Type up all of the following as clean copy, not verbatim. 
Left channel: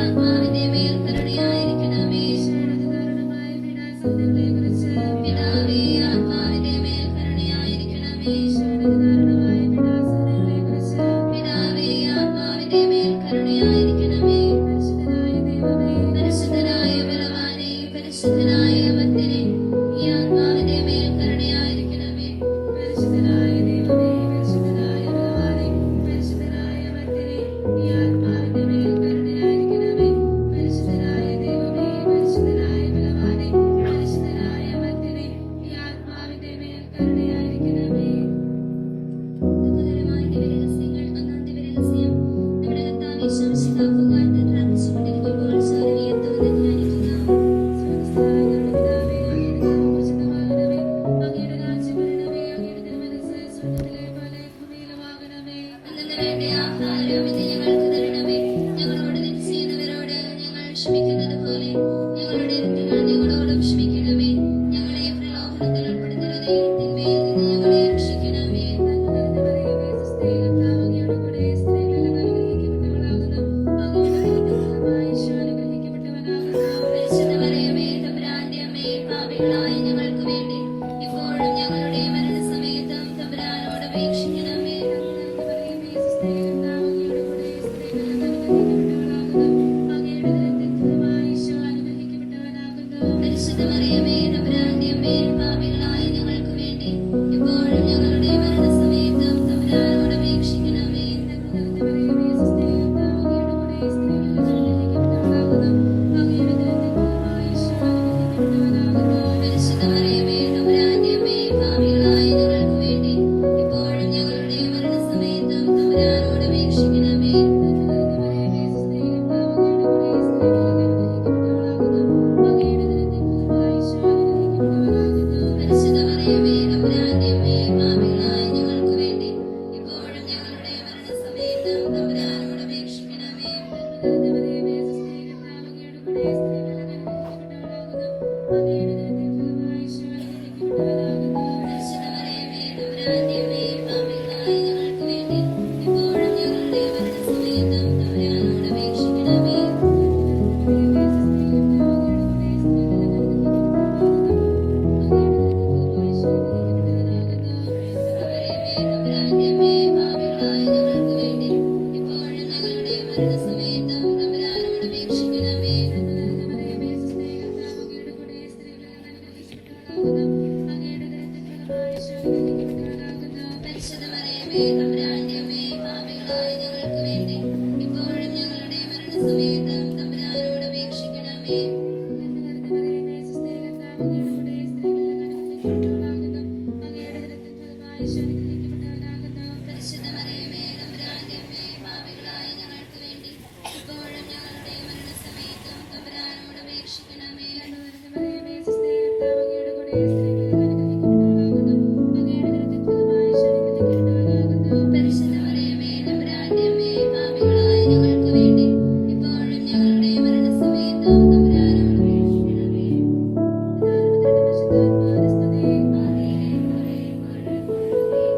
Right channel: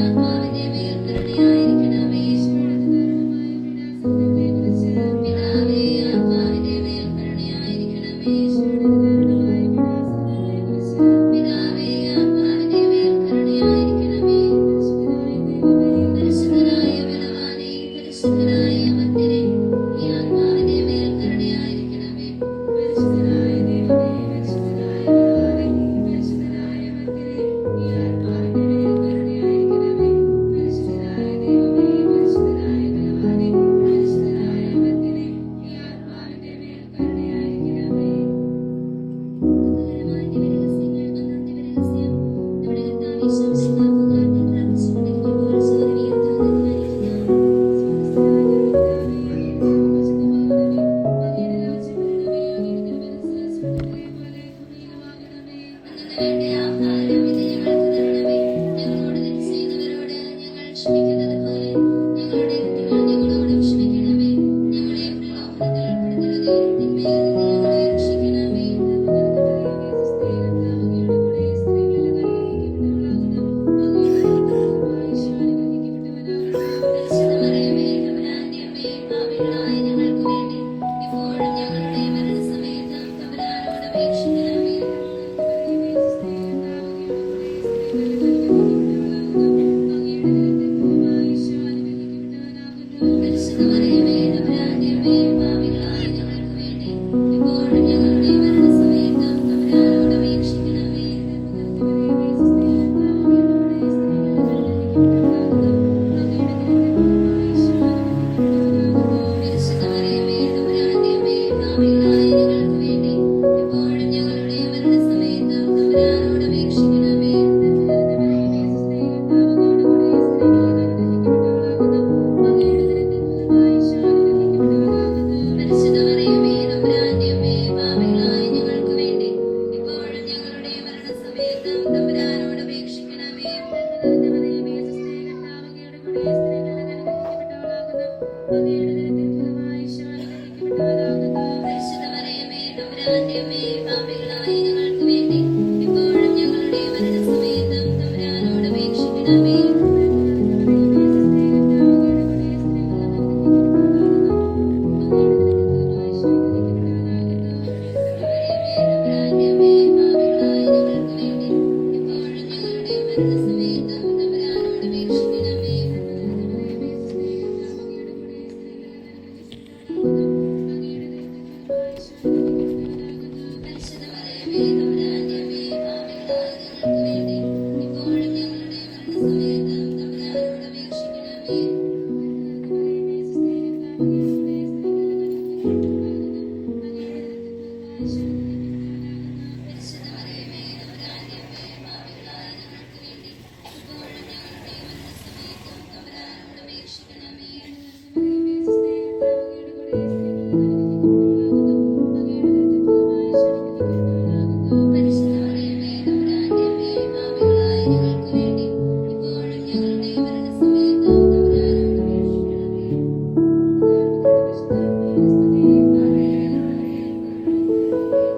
ആത്മാവിന്റെ മേൽ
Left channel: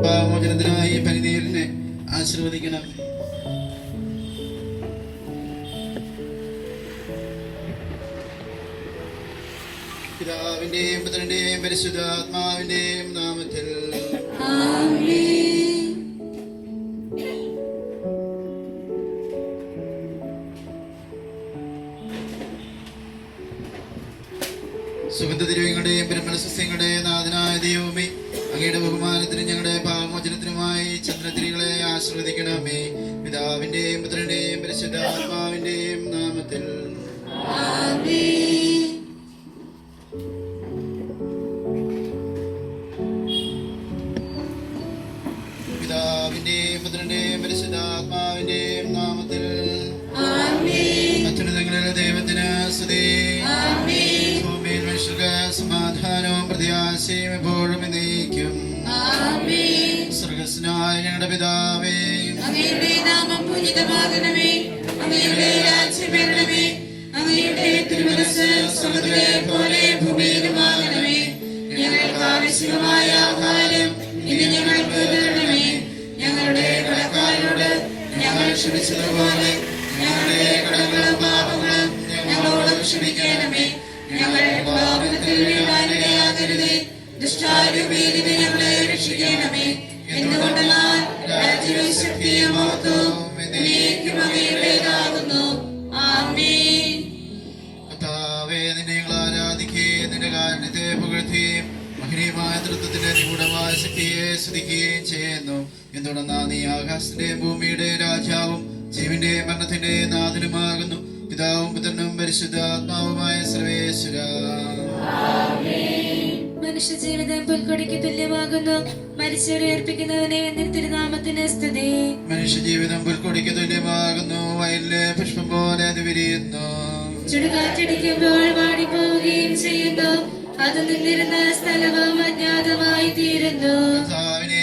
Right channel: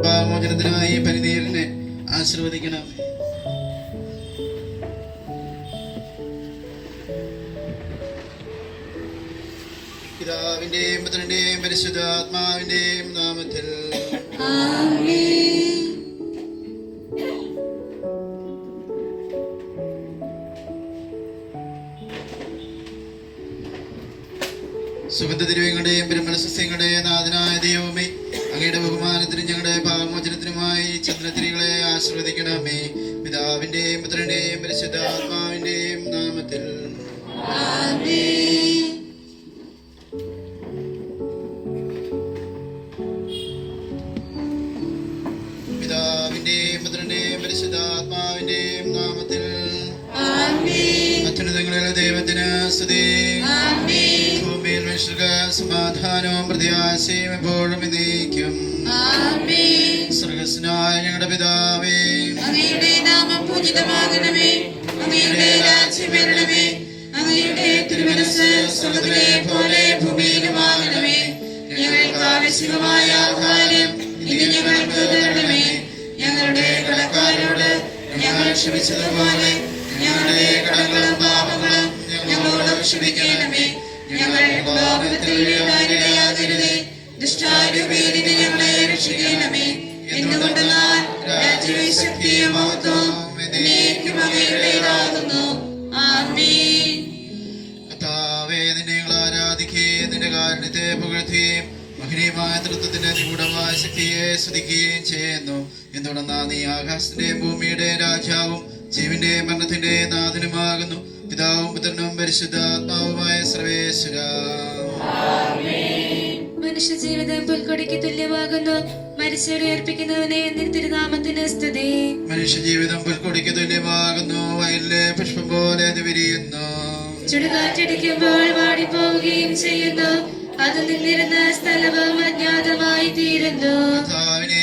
പാപമോചനത്തിനായി പരിനീരിനെ ആശീർവദിക്കണം. പിതാവിന്റെയും പുത്രന്റെയും പരിശുദ്ധാത്മാവിന്റെയും നാമത്തിൽ സുഗന്ധദ്രവ്യങ്ങളുടെയും പെരുമലസസ്യങ്ങളുടെയും നാഥനായ ദൈവമേ, അങ്ങയുടെ ബഹുമാനത്തിനും ഞങ്ങളുടെ പാപമോചനത്തിനുമായി ചന്ദ്രത്തിരികളെ ആശീർവദിക്കണമേ. പിതാവിന്റെയും പുത്രന്റെയും പരിശുദ്ധാത്മാവിന്റെയും നാമത്തിൽ പിതാവിന്റെയും പുത്രന്റെയും പരിശുദ്ധാത്മാവിന്റെയും നാമത്തിൽ അത്യുന്നതങ്ങളിലെ ദൈവത്തിന് സ്തുതി. ഭൂമിയിൽ മനുഷ്യർക്ക് സമാധാനവും പ്രത്യാശയും എപ്പോഴും എന്നേക്കും. സ്വർഗ്ഗസ്ഥനായ ഞങ്ങളുടെ പിതാവേ, അങ്ങയുടെ നാമം പൂജിതമാകണമേ. അങ്ങയുടെ രാജ്യം വരണമേ. അങ്ങയുടെ തിരുമനസ്സ് സ്വർഗ്ഗത്തിലെ പോലെ ഭൂമിയിലുമാകണമേ. ഞങ്ങൾക്ക് ആവശ്യമായ ആഹാരം ഇനി ഞങ്ങൾക്ക് തരണമേ. ഞങ്ങളുടെ കടക്കാരോട് ഞങ്ങൾ ക്ഷമിച്ചതുപോലെ ഞങ്ങളുടെ കടങ്ങളും പാപങ്ങളും ഞങ്ങളോട് ക്ഷമിക്കണമേ. ഞങ്ങൾ പാപത്തിൽ വീഴാനിടയാകരുതേ. ദുഷ്ടാരൂപിയിൽ ഞങ്ങളെ രക്ഷിക്കണമേ. എന്തുകൊണ്ടെന്നാൽ രാജ്യവും ശക്തിയും മഹത്വവും എന്നേക്കും അങ്ങയുടേതാകുന്നു. ആമേൻ. കർത്താവേ, നിന്നെ ഞങ്ങൾ ആരാധിക്കുകയും നിന്റെ കാരുണ്യത്തെ പുകഴ്ത്തുകയും മഹനീയമായ തൃത്വത്തിന്റെ നിഗൂഢമായ ശക്തിയെ സ്തുതിക്കുകയും ചെയ്യുന്നു. എന്തുകൊണ്ടെന്നാൽ നീ ആകാശത്തിന്റെയും ഭൂമിയുടെയും രാജാവും ജീവന്റെയും മരണത്തിന്റെ നാഥനുമാകുന്നു. പിതാവും പുത്രനും പരിശുദ്ധാത്മാവുമായ സർവേശ്വര. മനുഷ്യ ജീവിതം പുൽക്കൊടിക്ക് തുല്യമാകുന്നു. മരിച്ചവരെ അർപ്പിക്കുന്നവനെ തിരുനാമത്തിന് സ്തുതി. മനുഷ്യ ജീവിതം പുൽക്കൊടിക്ക് തുല്യമാകുന്നു. വയലിലെ പുഷ്പം പോലെ അത് വിരിയുന്നു. ചുടുകാറ്റടിക്കുമ്പോൾ വാടിപ്പോവുകയും ചെയ്യുന്നു. അത് നിന്നിരുന്ന സ്ഥലവും അജ്ഞാതമായി തീരുന്നു. കർത്താവിനെ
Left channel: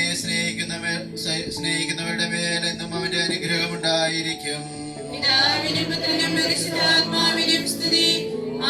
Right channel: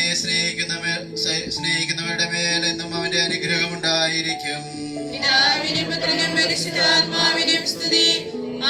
സ്നേഹിക്കുന്നവരുടെ മേൽ എന്നും അവന്റെ അനുഗ്രഹം ഉണ്ടായിരിക്കും. പിതാവിനും പുത്രനും പരിശുദ്ധാത്മാവിനും സ്തുതി.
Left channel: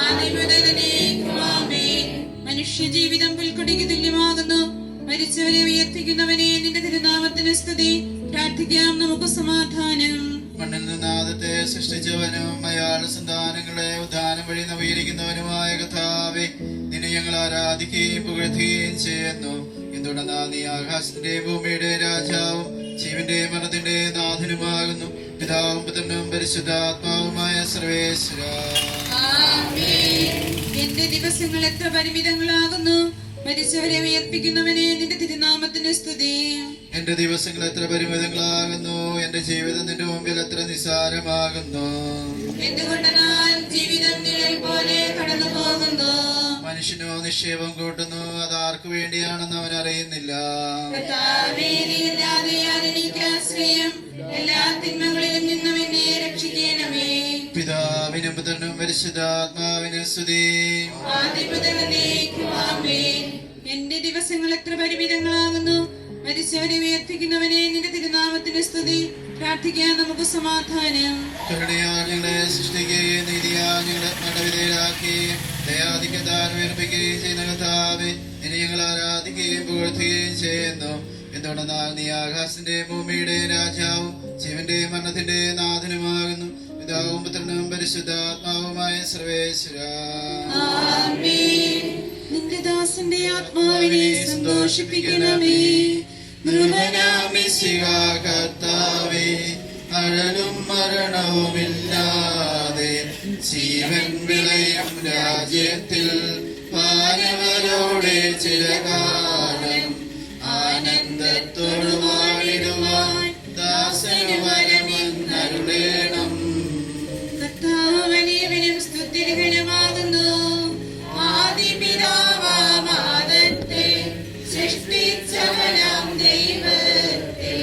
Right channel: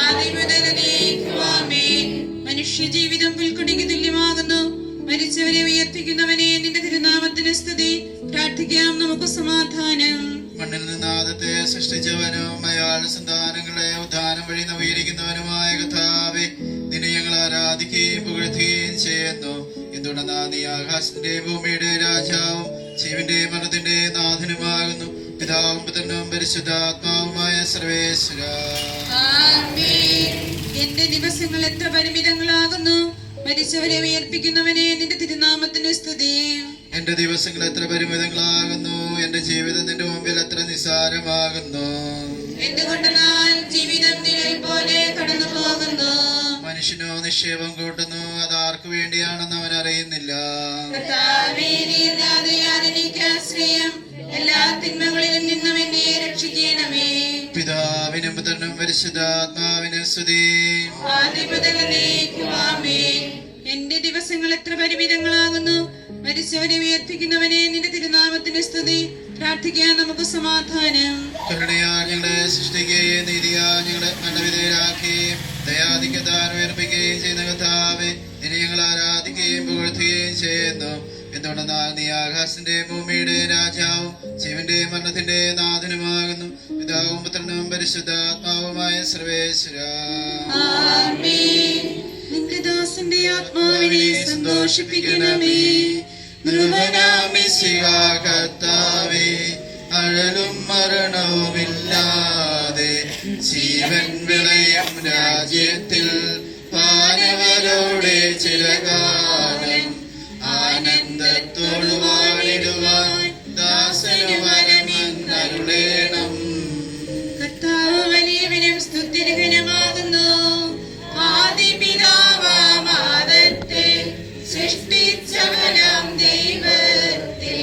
ആദ്യം മുതൽ എന്നേക്കും ആമേൻ. മനുഷ്യ ജീവിതം പുൽക്കൊടിക്ക് തുല്യമാകുന്നു. മരിച്ചവരെ ഉയർപ്പിക്കുന്നവനെ നിന്റെ തിരുനാമത്തിന് സ്തുതി. പ്രാർത്ഥിക്കാം നമുക്ക് സമാധാനം. മണ്ണിൽ നിന്ന് ആദത്തെ സൃഷ്ടിച്ചവനും അയാളുടെ സന്താനങ്ങളെ ഉദ്ധാനം വഴി നവീകരിക്കുന്നവനുമായ കർത്താവേ, നിന്നെ ഞങ്ങൾ ആരാധിക്കുകയും പുകഴ്ത്തുകയും ചെയ്യുന്നു. എന്തുകൊണ്ടെന്നാൽ നീ ആകാശത്തിന്റെ ഭൂമിയുടെ രാജാവും ജീവന്റെ മരണത്തിന്റെ നാഥനുമാകുന്നു. പിതാവും പുത്രനും പരിശുദ്ധാത്മാവുമായ സർവേശ്വര. എന്റെ ദിവസങ്ങൾ എത്ര പരിമിതങ്ങളാകുന്നു. മരിച്ചവരെ ഉയർപ്പിക്കുന്നവനെ നിന്റെ തിരുനാമത്തിന് സ്തുതി. എന്റെ ദിവസങ്ങൾ എത്ര പരിമിതങ്ങളാകുന്നു. എന്റെ ജീവിതം നിന്റെ മുമ്പിൽ എത്ര നിസ്സാരമാകുന്നു. എന്തുകൊണ്ടെന്നാൽ ജീവിതം നിഴൽ പോലെ കടന്നു പോകുന്നു. മനുഷ്യനോ നിക്ഷേപം കൂട്ടുന്നു. അത് ആർക്കു വേണ്ടിയാണെന്ന് അവൻ അറിയുന്നില്ല. എല്ലാ തിന്മകളിലും നിന്നും എന്നെ രക്ഷിക്കണമേ. പിതാവിനും പുത്രനും പരിശുദ്ധാത്മാവിനും സ്തുതി. എന്റെ ദിവസങ്ങൾ എത്ര പരിമിതങ്ങളാകുന്നു. മരിച്ചവരെ ഉയർപ്പിക്കുന്നവനെ നിന്റെ തിരുനാമത്തിന് സ്തുതി. പ്രാർത്ഥിക്കാൻ നമുക്ക് സമാധാനം. കരുണയാൽ ഞങ്ങളെ സൃഷ്ടിക്കുകയും നീതിയാൽ ഞങ്ങളെ മരണവിധേയരാക്കുകയും ദയാധിക്യത്താൽ ഉയർപ്പിക്കുകയും ചെയ്യുന്ന കർത്താവേ, നിന്നെ ഞങ്ങൾ ആരാധിക്കുകയും പുകഴ്ത്തുകയും ചെയ്യുന്നു. എന്തുകൊണ്ടെന്നാൽ നീ ആകാശത്തിന്റെ ഭൂമിയുടെ രാജാവും ജീവന്റെ മരണത്തിന്റെ നാഥനുമാകുന്നു. പിതാവും പുത്രനും പരിശുദ്ധാത്മാവുമായ സർവേശ്വര. നിന്റെ ദാസന്റെ ആത്മാവിനെ സന്തോഷിപ്പിക്കണമേ. കർത്താവേ, അഴലും മരണവുമില്ലാതെ ജീവൻ വിളയും രാജ്യത്തിൽ പാനവരോടെ ചിരകാലം ആനന്ദത്തോടു വാണിടുവാൻ ദാസനു വരമെന്നരുളേണം. കർത്താവ് വലിയവനും സ്തുത്യർഹനുമാകുന്നു. ആദിപിതാവാമാദത്തെ സൃഷ്ടിച്ചവനാം ദൈവത്തെ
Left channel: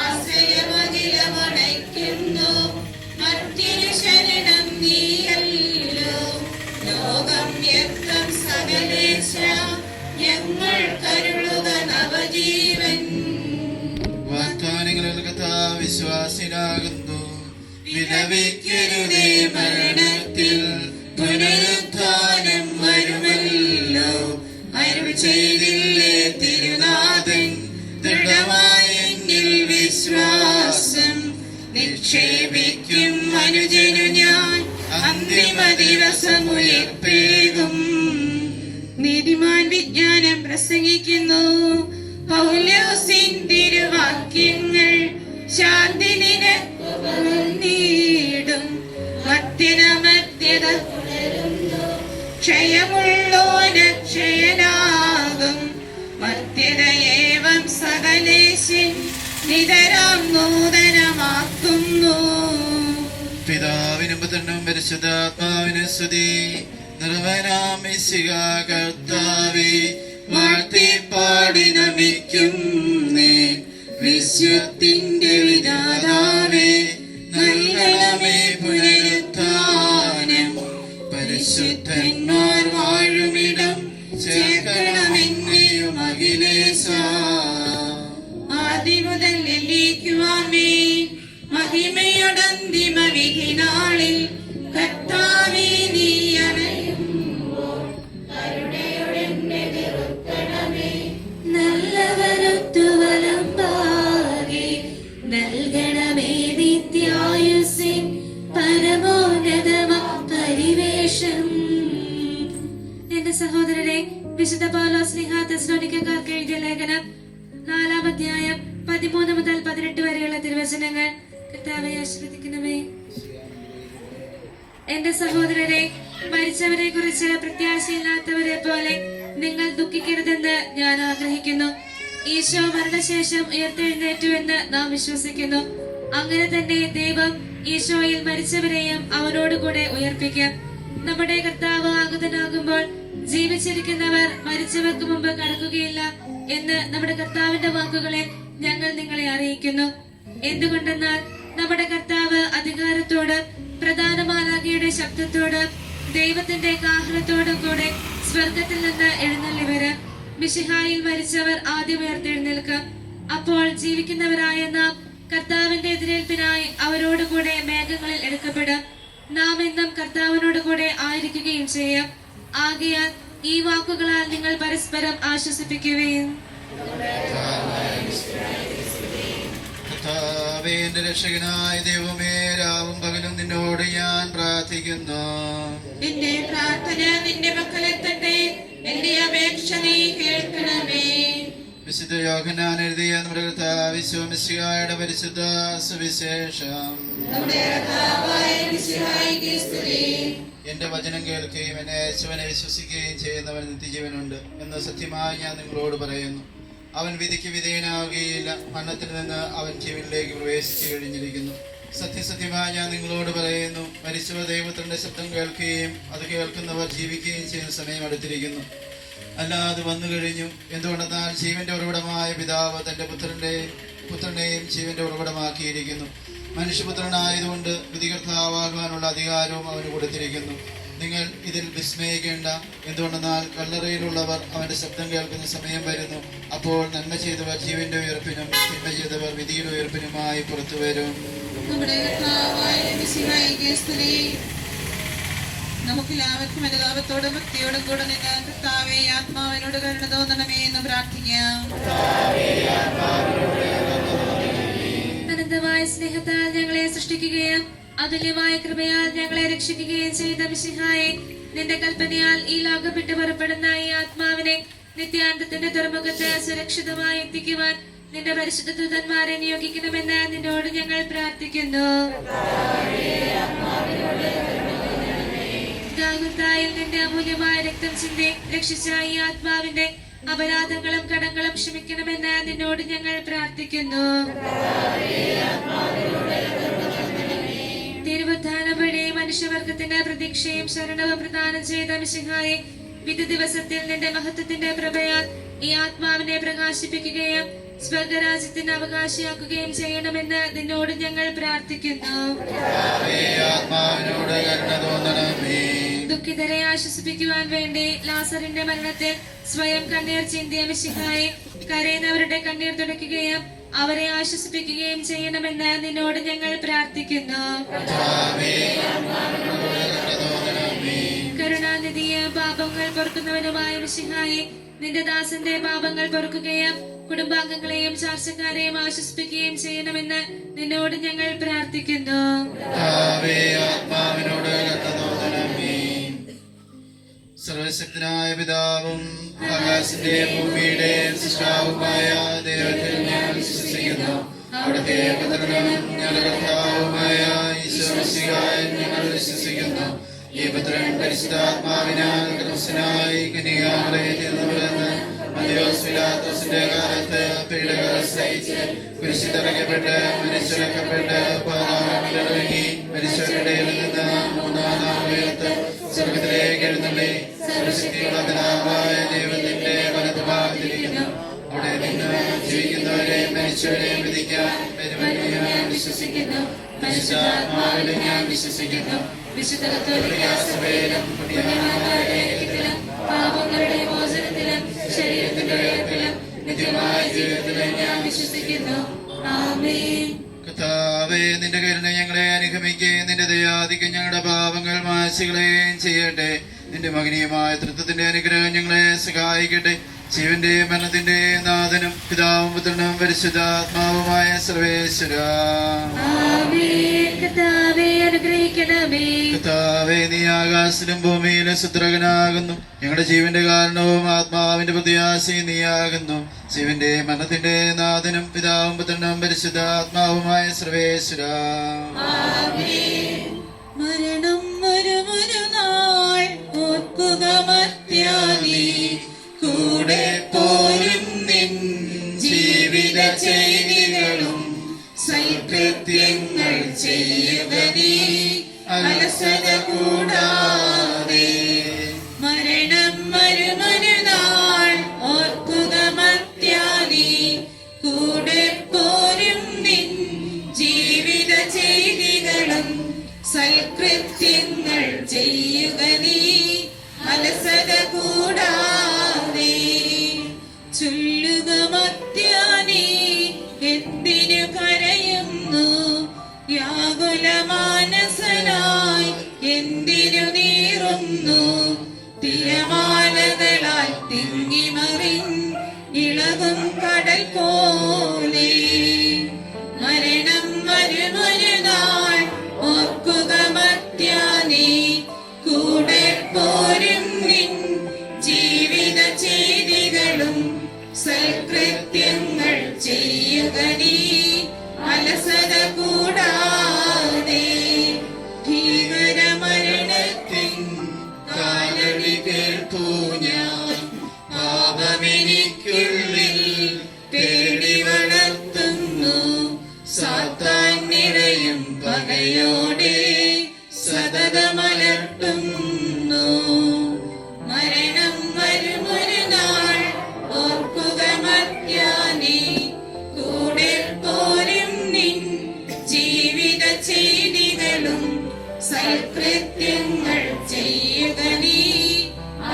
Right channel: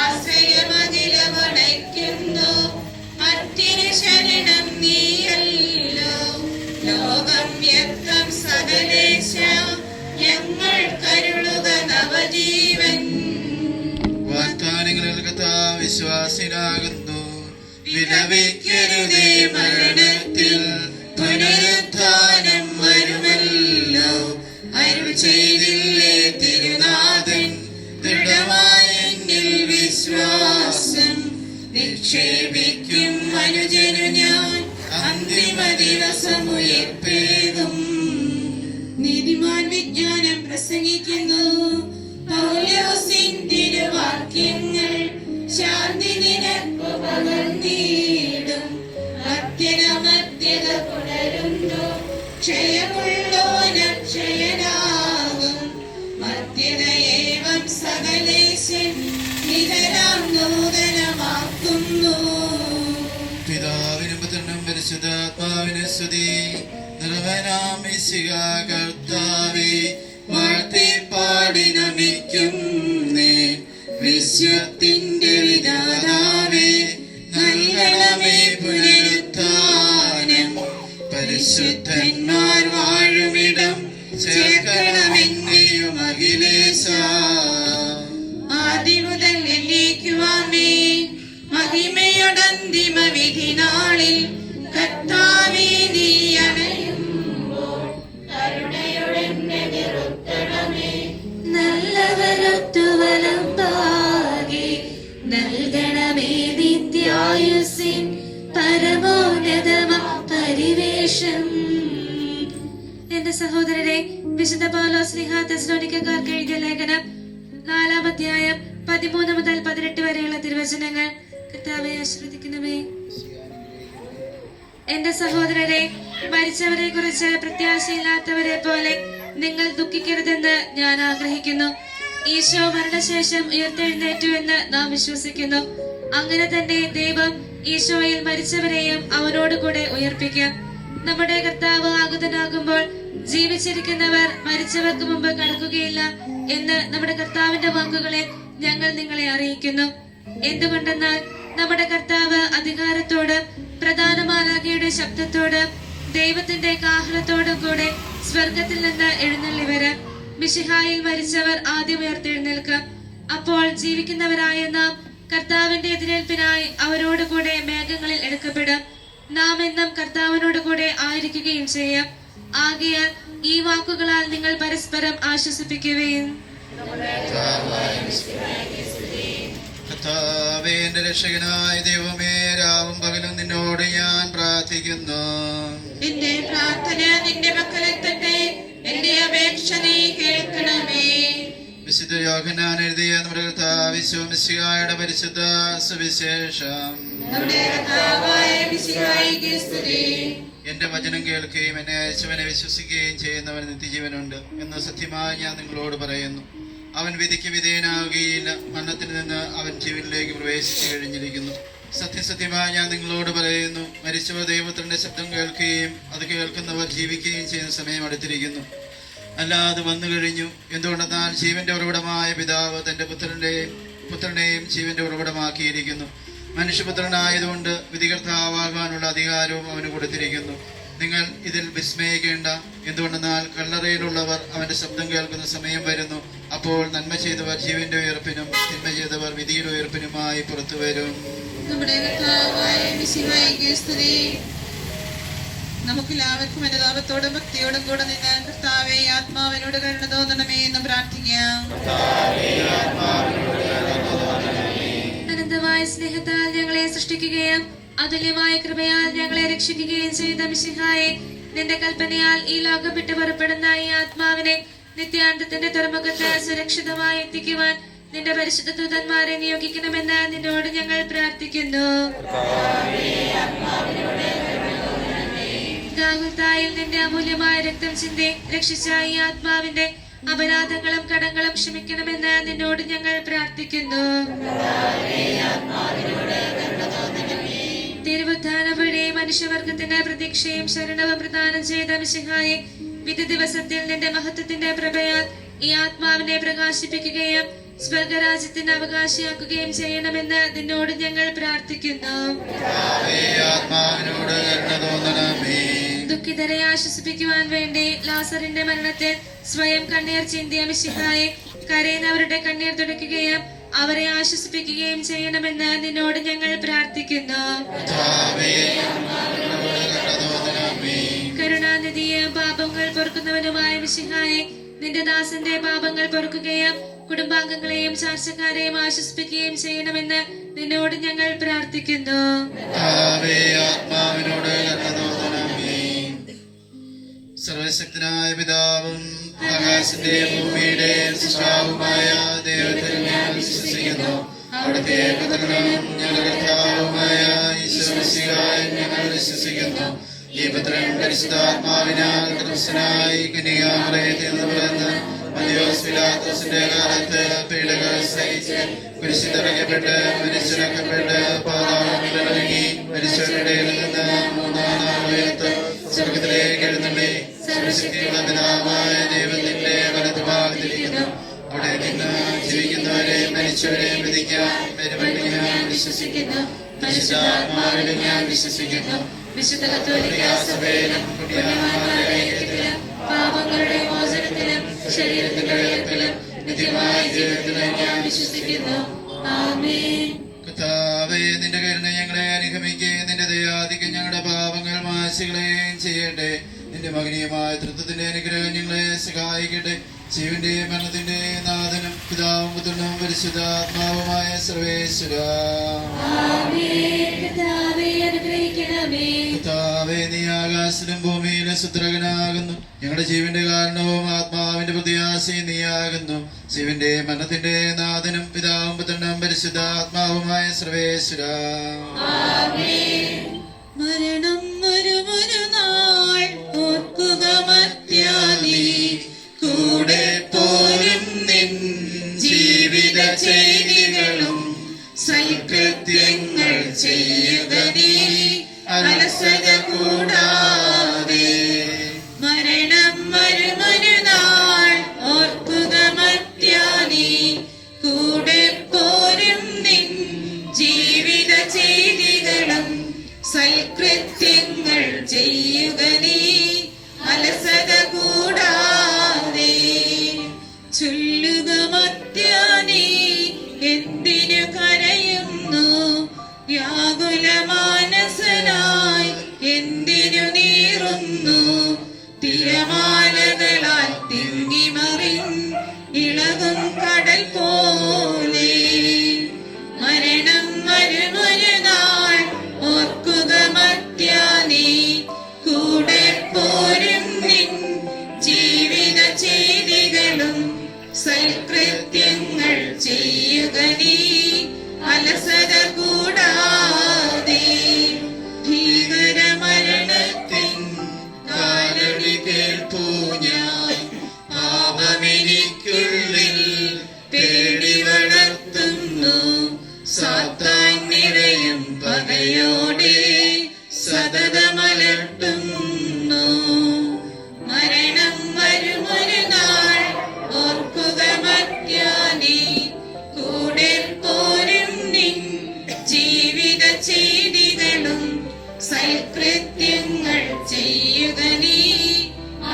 ആശ്രയമഖിലമണയ്ക്കുന്നു. മർത്യന് ശരണം നീയല്ലോ. ലോകം വ്യക്തം സകലേശ ഞങ്ങൾ കരുളുക നവജീവൻ. വാഗ്ദാനങ്ങളിൽ കർത്താവ് വിശ്വാസിനാകുന്നു. വിലപിക്കരുതേ മരണത്തിൽ, പുനരുത്ഥാനം വരുമല്ലോ. അരുൾ ചെയ്തില്ലേ തിരുനാഥൻ, ദൃഢമായ എന്നിൽ വിശ്വാസം നിക്ഷേപിക്കും മനുജനു ഞാൻ. അന്തിമ ദിവസമുയർപ്പേകും. നീതിമാൻ വിജ്ഞാനം പ്രസംഗിക്കുന്നു. പൗലോസിൻ തിരുവാക്യങ്ങൾ ശാന്തി നിനക്കു പകർന്നിടും. മർത്യനമർത്യത പുലരുന്നു. ക്ഷയമുള്ളോന ക്ഷയനാകും. മർത്യതയേവം സകലേശൻ നിതരാം നൂതനമാക്കുന്നു. പിതാവിനും പുത്രനും പരിശുദ്ധാത്മാവിന് സ്തുതി. നിർവനാം മിശിഹാ കർത്താവേ, വാഴ്ത്തി പാടി നമിക്കുന്നേ. വിശ്വത്തിന്റെ വിധാതാവേ, നൽകണമേ പുനരുത്ഥാനം. പരിശുദ്ധന്മാർ വാഴുമിടം ചേർക്കണമെന്നെയും അഖിലേശ. ആദിമുതൽ എന്നേക്കുമാമേ. മഹിമയോടന്തിമ വിധി നാളിൽ കർത്താവേ നീ അണയുമ്പോൾ കരുണയോടെന്നെ നിറുത്തണമേ. നല്ലവരൊത്തു വലമ്പാകെ നൽകണമേ നിത്യായുസിൻ പരമോന്നതമ പരിവേഷം. എന്റെ സഹോദരരെ, വിശുദ്ധ പൗലോസ് ശ്ലീഹ തെസ്സലോനിക്കക്കാർക്ക് എഴുതിയ ലേഖനം 4-ാം അധ്യായം 13 മുതൽ 18 വരെയുള്ള തിരുവചനങ്ങൾ. കർത്താവെ ആശീർവദിക്കണമേ. എന്റെ സഹോദരരെ, മരിച്ചവരെ കുറിച്ച് പ്രത്യാശയില്ലാത്തവരെ പോലെ നിങ്ങൾ ദുഃഖിക്കരുതെന്ന് ഞാൻ ആഗ്രഹിക്കുന്നു. ഈശോ മരണശേഷം ഉയർത്തെഴുന്നേറ്റു എന്ന് നാം വിശ്വസിക്കുന്നു. അങ്ങനെ തന്നെ ദൈവം ഈശോയിൽ മരിച്ചവരെയും അവനോടുകൂടെ ഉയർപ്പിക്കും. നമ്മുടെ കർത്താവ് ആഗതനാകുമ്പോൾ ജീവിച്ചിരിക്കുന്നവർ മരിച്ചവർക്ക് മുമ്പ് കടക്കുകയില്ല എന്ന് നമ്മുടെ കർത്താവിന്റെ വാക്കുകളെ ഞങ്ങൾ നിങ്ങളെ അറിയിക്കുന്നു. എന്തുകൊണ്ടെന്നാൽ നമ്മുടെ കർത്താവ് അധികാരത്തോട് പ്രധാന മാലാഖയുടെ ശബ്ദത്തോട് ദൈവത്തിന്റെ കാഹളത്തോടും കൂടെ സ്വർഗത്തിൽ നിന്ന് എഴുന്നള്ളി വരും. മിശിഹായിൽ മരിച്ചവർ ആദ്യം ഉയർത്തെഴുന്നേൽക്കും. അപ്പോൾ ജീവിക്കുന്നവരായ നാം കർത്താവിന്റെ എതിരേൽപ്പിനായി അവരോടുകൂടെ മേഘങ്ങളിൽ എടുക്കപ്പെടും. നാം എന്നും കർത്താവിനോട് കൂടെ ആയിരിക്കുകയും ചെയ്യും. ആകയാൽ ഈ വാക്കുകളാൽ നിങ്ങൾ പരസ്പരം ആശ്വസിപ്പിക്കുകയും. കർത്താവേ, എന്റെ രക്ഷകനായ ദൈവമേ, രാവും പകലും നിന്നോട് ഞാൻ പ്രാർത്ഥിക്കുന്നു. എന്റെ പ്രാർത്ഥന നിന്റെ മക്കളെത്തട്ടെ. എന്റെ അപേക്ഷ നീ കേൾക്കണമേ. വിശുദ്ധ യോഹന്നാൻ എഴുതിയ നമ്മുടെ കർത്താവ് മിശിഹായുടെ പരിശുദ്ധ സുവിശേഷം. നമ്മുടെ കർത്താവായ മിശിഹായ്ക്ക് സ്തുതി. എന്റെ വചനം കേൾക്കുകയും എന്നെ അയച്ചവനെ വിശ്വസിക്കുകയും ചെയ്യുന്നവൻ നിത്യജീവനുണ്ട് എന്ന് സത്യമായി ഞാൻ നിങ്ങളോട് പറയുന്നു. അവൻ വിധിക്ക് വിധേയനാവുകയില്ല. മരണത്തിൽ നിന്ന് അവൻ ജീവനിലേക്ക് പ്രവേശിച്ചു കഴിഞ്ഞിരിക്കുന്നു. സത്യസത്യമായി ഞാൻ നിങ്ങളോട് പറയുന്നു, മരിച്ചവർ ദൈവത്തിന്റെ ശബ്ദം കേൾക്കുകയും അത് കേൾക്കുന്നവർ ജീവിക്കുകയും ചെയ്യുന്ന സമയം അടുത്തിരിക്കുന്നു. അല്ലാതെ വന്നു കഴിഞ്ഞു. എന്തുകൊണ്ടെന്നാൽ ജീവന്റെ ഉറവിടമായ പിതാവ് തന്റെ പുത്രനെയും ജീവന്റെ ഉറവിടമാക്കിയിരിക്കുന്നു. മനുഷ്യപുത്രനായതുകൊണ്ട് വിധികർത്താവാകാനുള്ള അധികാരവും അവന് കൊടുത്തിരിക്കുന്നു. നിങ്ങൾ ഇതിൽ വിസ്മയിക്കേണ്ട. എന്തുകൊണ്ടെന്നാൽ കല്ലറയിലുള്ളവർ അവന്റെ ശബ്ദം കേൾക്കുന്ന സമയം വരുന്നു. അപ്പോൾ നന്മ ചെയ്തവർ ജീവന്റെ ഉയർപ്പിനും തിന്മ ചെയ്തവർ വിധിയുടെ ഉയർപ്പിനുമായി പുറത്തു വരും. നമ്മുടെ കർത്താവായ മിശിഹായ്ക്ക് സ്തുതി. നമുക്കെല്ലാവർക്കും അനുതാപത്തോടും ഭക്തിയോടും കൂടെ നിന്ന് കർത്താവേ ആത്മാവിനോട് കരുണ തോന്നണമേ എന്ന് പ്രാർത്ഥിക്കാം. അനന്തമായ സ്നേഹത്താൽ ഞങ്ങളെ സൃഷ്ടിക്കുകയും അതുല്യമായ കൃപയാൽ ഞങ്ങളെ രക്ഷിക്കുകയും ചെയ്ത മിശിഹായെ, നിന്റെ കൽപ്പനയാൽ ഈ ലോകം വിട്ടു പുറപ്പെടുന്ന ഈ ആത്മാവിനെ നിത്യാന്തത്തിന്റെ തുറമുഖത്ത് സുരക്ഷിതമായി എത്തിക്കുവാൻ നിന്റെ പരിശുദ്ധ ദൂതന്മാരെ നിയോഗിക്കണമെന്ന് നിന്നോട് ഞങ്ങൾ പ്രാർത്ഥിക്കുന്നു. ഗാഗുൽത്തായിൽ നിന്റെ അമൂല്യമായ രക്തം ചിന്തി രക്ഷിച്ച ഈ ആത്മാവിന്റെ അപരാധങ്ങളും കടങ്ങളും ക്ഷമിക്കണമെന്ന് നിന്നോട് ഞങ്ങൾ പ്രാർത്ഥിക്കുന്നു. തിരുവുത്ഥാനം വഴി മനുഷ്യവർഗത്തിന് പ്രതീക്ഷയും ശരണവും പ്രദാനം ചെയ്ത മിശിഹായെ, വിധി ദിവസത്തിൽ നിന്റെ മഹത്വത്തിന്റെ പ്രഭയാൽ ഈ ആത്മാവിനെ പ്രകാശിപ്പിക്കുകയും സ്വർഗരാജ്യത്തിന് അവകാശിയാക്കുകയും ചെയ്യണമെന്ന് നിന്നോട് ഞങ്ങൾ പ്രാർത്ഥിക്കുന്നു. ദുഃഖിതരെ ആശ്വസിപ്പിക്കുവാൻ വേണ്ടി ലാസറിന്റെ മരണത്തിൽ സ്വയം കണ്ണീർ ചിന്തിയ മിശിഹായെ, കരയുന്നവരുടെ കണ്ണീർ തുടയ്ക്കുകയും അവരെ ആശ്വസിപ്പിക്കുകയും ചെയ്യണമെന്ന് നിന്നോട് ഞങ്ങൾ പ്രാർത്ഥിക്കുന്നു. കരുണാനിധിയും പാപങ്ങൾ പൊറുക്കുന്നവനുമായ മിശിഹായെ, നിന്റെ ദാസന്റെ പാപങ്ങൾ പൊറുക്കുകയും കുടുംബാംഗങ്ങളെയും ചാർച്ചക്കാരെയും ആശ്വസിപ്പിക്കുകയും ചെയ്യണമെന്ന് നിന്നോട് ഞങ്ങൾ പ്രാർത്ഥിക്കുന്നു. സർവശക്തനായ പിതാവും ആകാശത്തിന്റെയും ഭൂമിയുടെയും സൃഷ്ടാവുമായ ദൈവത്തിൽ ഞാൻ വിശ്വസിക്കുന്നു. അവിടുത്തെ പുത്രനും ഞങ്ങളുടെ കർത്താവുമായ ഈശോ മിശിഹായിൽ ഞങ്ങൾ വിശ്വസിക്കുന്നു. ഈ പുത്രൻ പരിശുദ്ധാത്മാവിനാൽ ക്രിസ്തുനായി കന്യകാമറിയത്തിൽ നിന്ന് പിറന്ന് മന്തിയോസ് പിലാത്തോസിന്റെ കാലത്ത് പീഡകൾ സഹിച്ച് കുരിശിൽ തറയ്ക്കപ്പെട്ട് മരിച്ചടക്കപ്പെട്ട് പാതാളങ്ങളിലിറങ്ങി മരിച്ചവരുടെ നിന്ന് മൂന്നാം നാൾ ഉയർത്ത് സ്വർഗത്തിലേക്ക് എഴുന്നള്ളി സർവശക്തിയുള്ള പിതാവായ ദൈവത്തിന്റെ വലതുഭാഗത്തിരിക്കുന്നു. അവിടെ നിന്ന് ജീവിക്കുന്നവരെയും മരിച്ചവരെയും വിധിക്കാൻ വരുമെന്ന് ഞാൻ വിശ്വസിക്കുന്നു. പരിശുദ്ധാത്മാവിലും ഞാൻ വിശ്വസിക്കുന്നു. വിശുദ്ധ കത്തോലിക്കാ സഭയിലും പുണ്യവാന്മാരുടെ ഐക്യത്തിലും പാപങ്ങളുടെ മോചനത്തിലും ശരീരത്തിന്റെ ഉയർപ്പിലും നിത്യമായ ജീവിതത്തിലും ഞാൻ വിശ്വസിക്കുന്നു. ആമേൻ. കർത്താവേ, നിന്റെ കരുണ ഞങ്ങളെ അനുഗമിക്കുകയും നിന്റെ ദയാധിക്യം ഞങ്ങളുടെ പാപങ്ങൾ മായ്ച്ചുകളയുകയും ചെയ്യട്ടെ. നിന്റെ മഹനീയമായ തൃത്വത്തിന്റെ അനുഗ്രഹം ഞങ്ങളെ സഹായിക്കട്ടെ. ജീവന്റെയും മരണത്തിന്റെയും നാഥനും പിതാവും പുത്രനും പരിശുദ്ധാത്മാവുമായ സർവേശ്വരാ, കർത്താവേ, നീ ആകാശത്തിലും ഭൂമിയിലും സുദ്രകനാകുന്നു. ഞങ്ങളുടെ ജീവന്റെ കാരണവും ആത്മാവിന്റെ പ്രത്യാശയും നീയാകുന്നു. ജീവന്റെ മരണത്തിന്റെ നാഥനും പിതാവും പുത്രനും പരിശുദ്ധാത്മാവുമായ സർവേശ്വരാ, മരണം ഒരു നാൾ ഓർക്കുക മർത്യാനീ, കൂടെ പോരും നിൻ ജീവിത ചെയ്തികളും സൽകൃത്യങ്ങൾ ചെയ്യുക നീ അലസത കൂടാതെ. മരണം ഒരു നാൾ ഓർക്കുക മർത്യാനീ, കൂടെ പോരും നിൻ ജീവിത ചെയ്തികളും സൽകൃത്യങ്ങൾ ചെയ്യുക നീ അലസത കൂടാതെ. ചൊല്ലുക മർത്യാനീ, എന്തിനു കരയുന്നു? വ്യാകുല മാനസനായി എന്തിനു നീറുന്നു? തിരമാലകളാൽ തിങ്ങിമറിൻ ഇളകും കടൽ പോലെ. മരണം ഒരു നാൾ ഓർക്കുക മർത്യാനീ, കൂടെ പോരും നിൻ ജീവിത ചെയ്തികളും സൽകൃത്യങ്ങൾ ചെയ്യുക നീ അലസത കൂടാതെ. ഭീകരമരണത്തിൻ കാലടി കേൾപ്പൂ ഞാൻ, പാപമെനിക്കുള്ളിൽ പേടി വളർത്തുന്നു. സാത്താൻ നിറയും പകയോടെ സതതമലട്ടുന്നു. മരണം ഒരു നാൾ ഓർക്കുക മർത്യാനീ, കൂടെ പോരും നിൻ ജീവിത ചെയ്തികളും സൽകൃത്യങ്ങൾ ചെയ്യുക നീ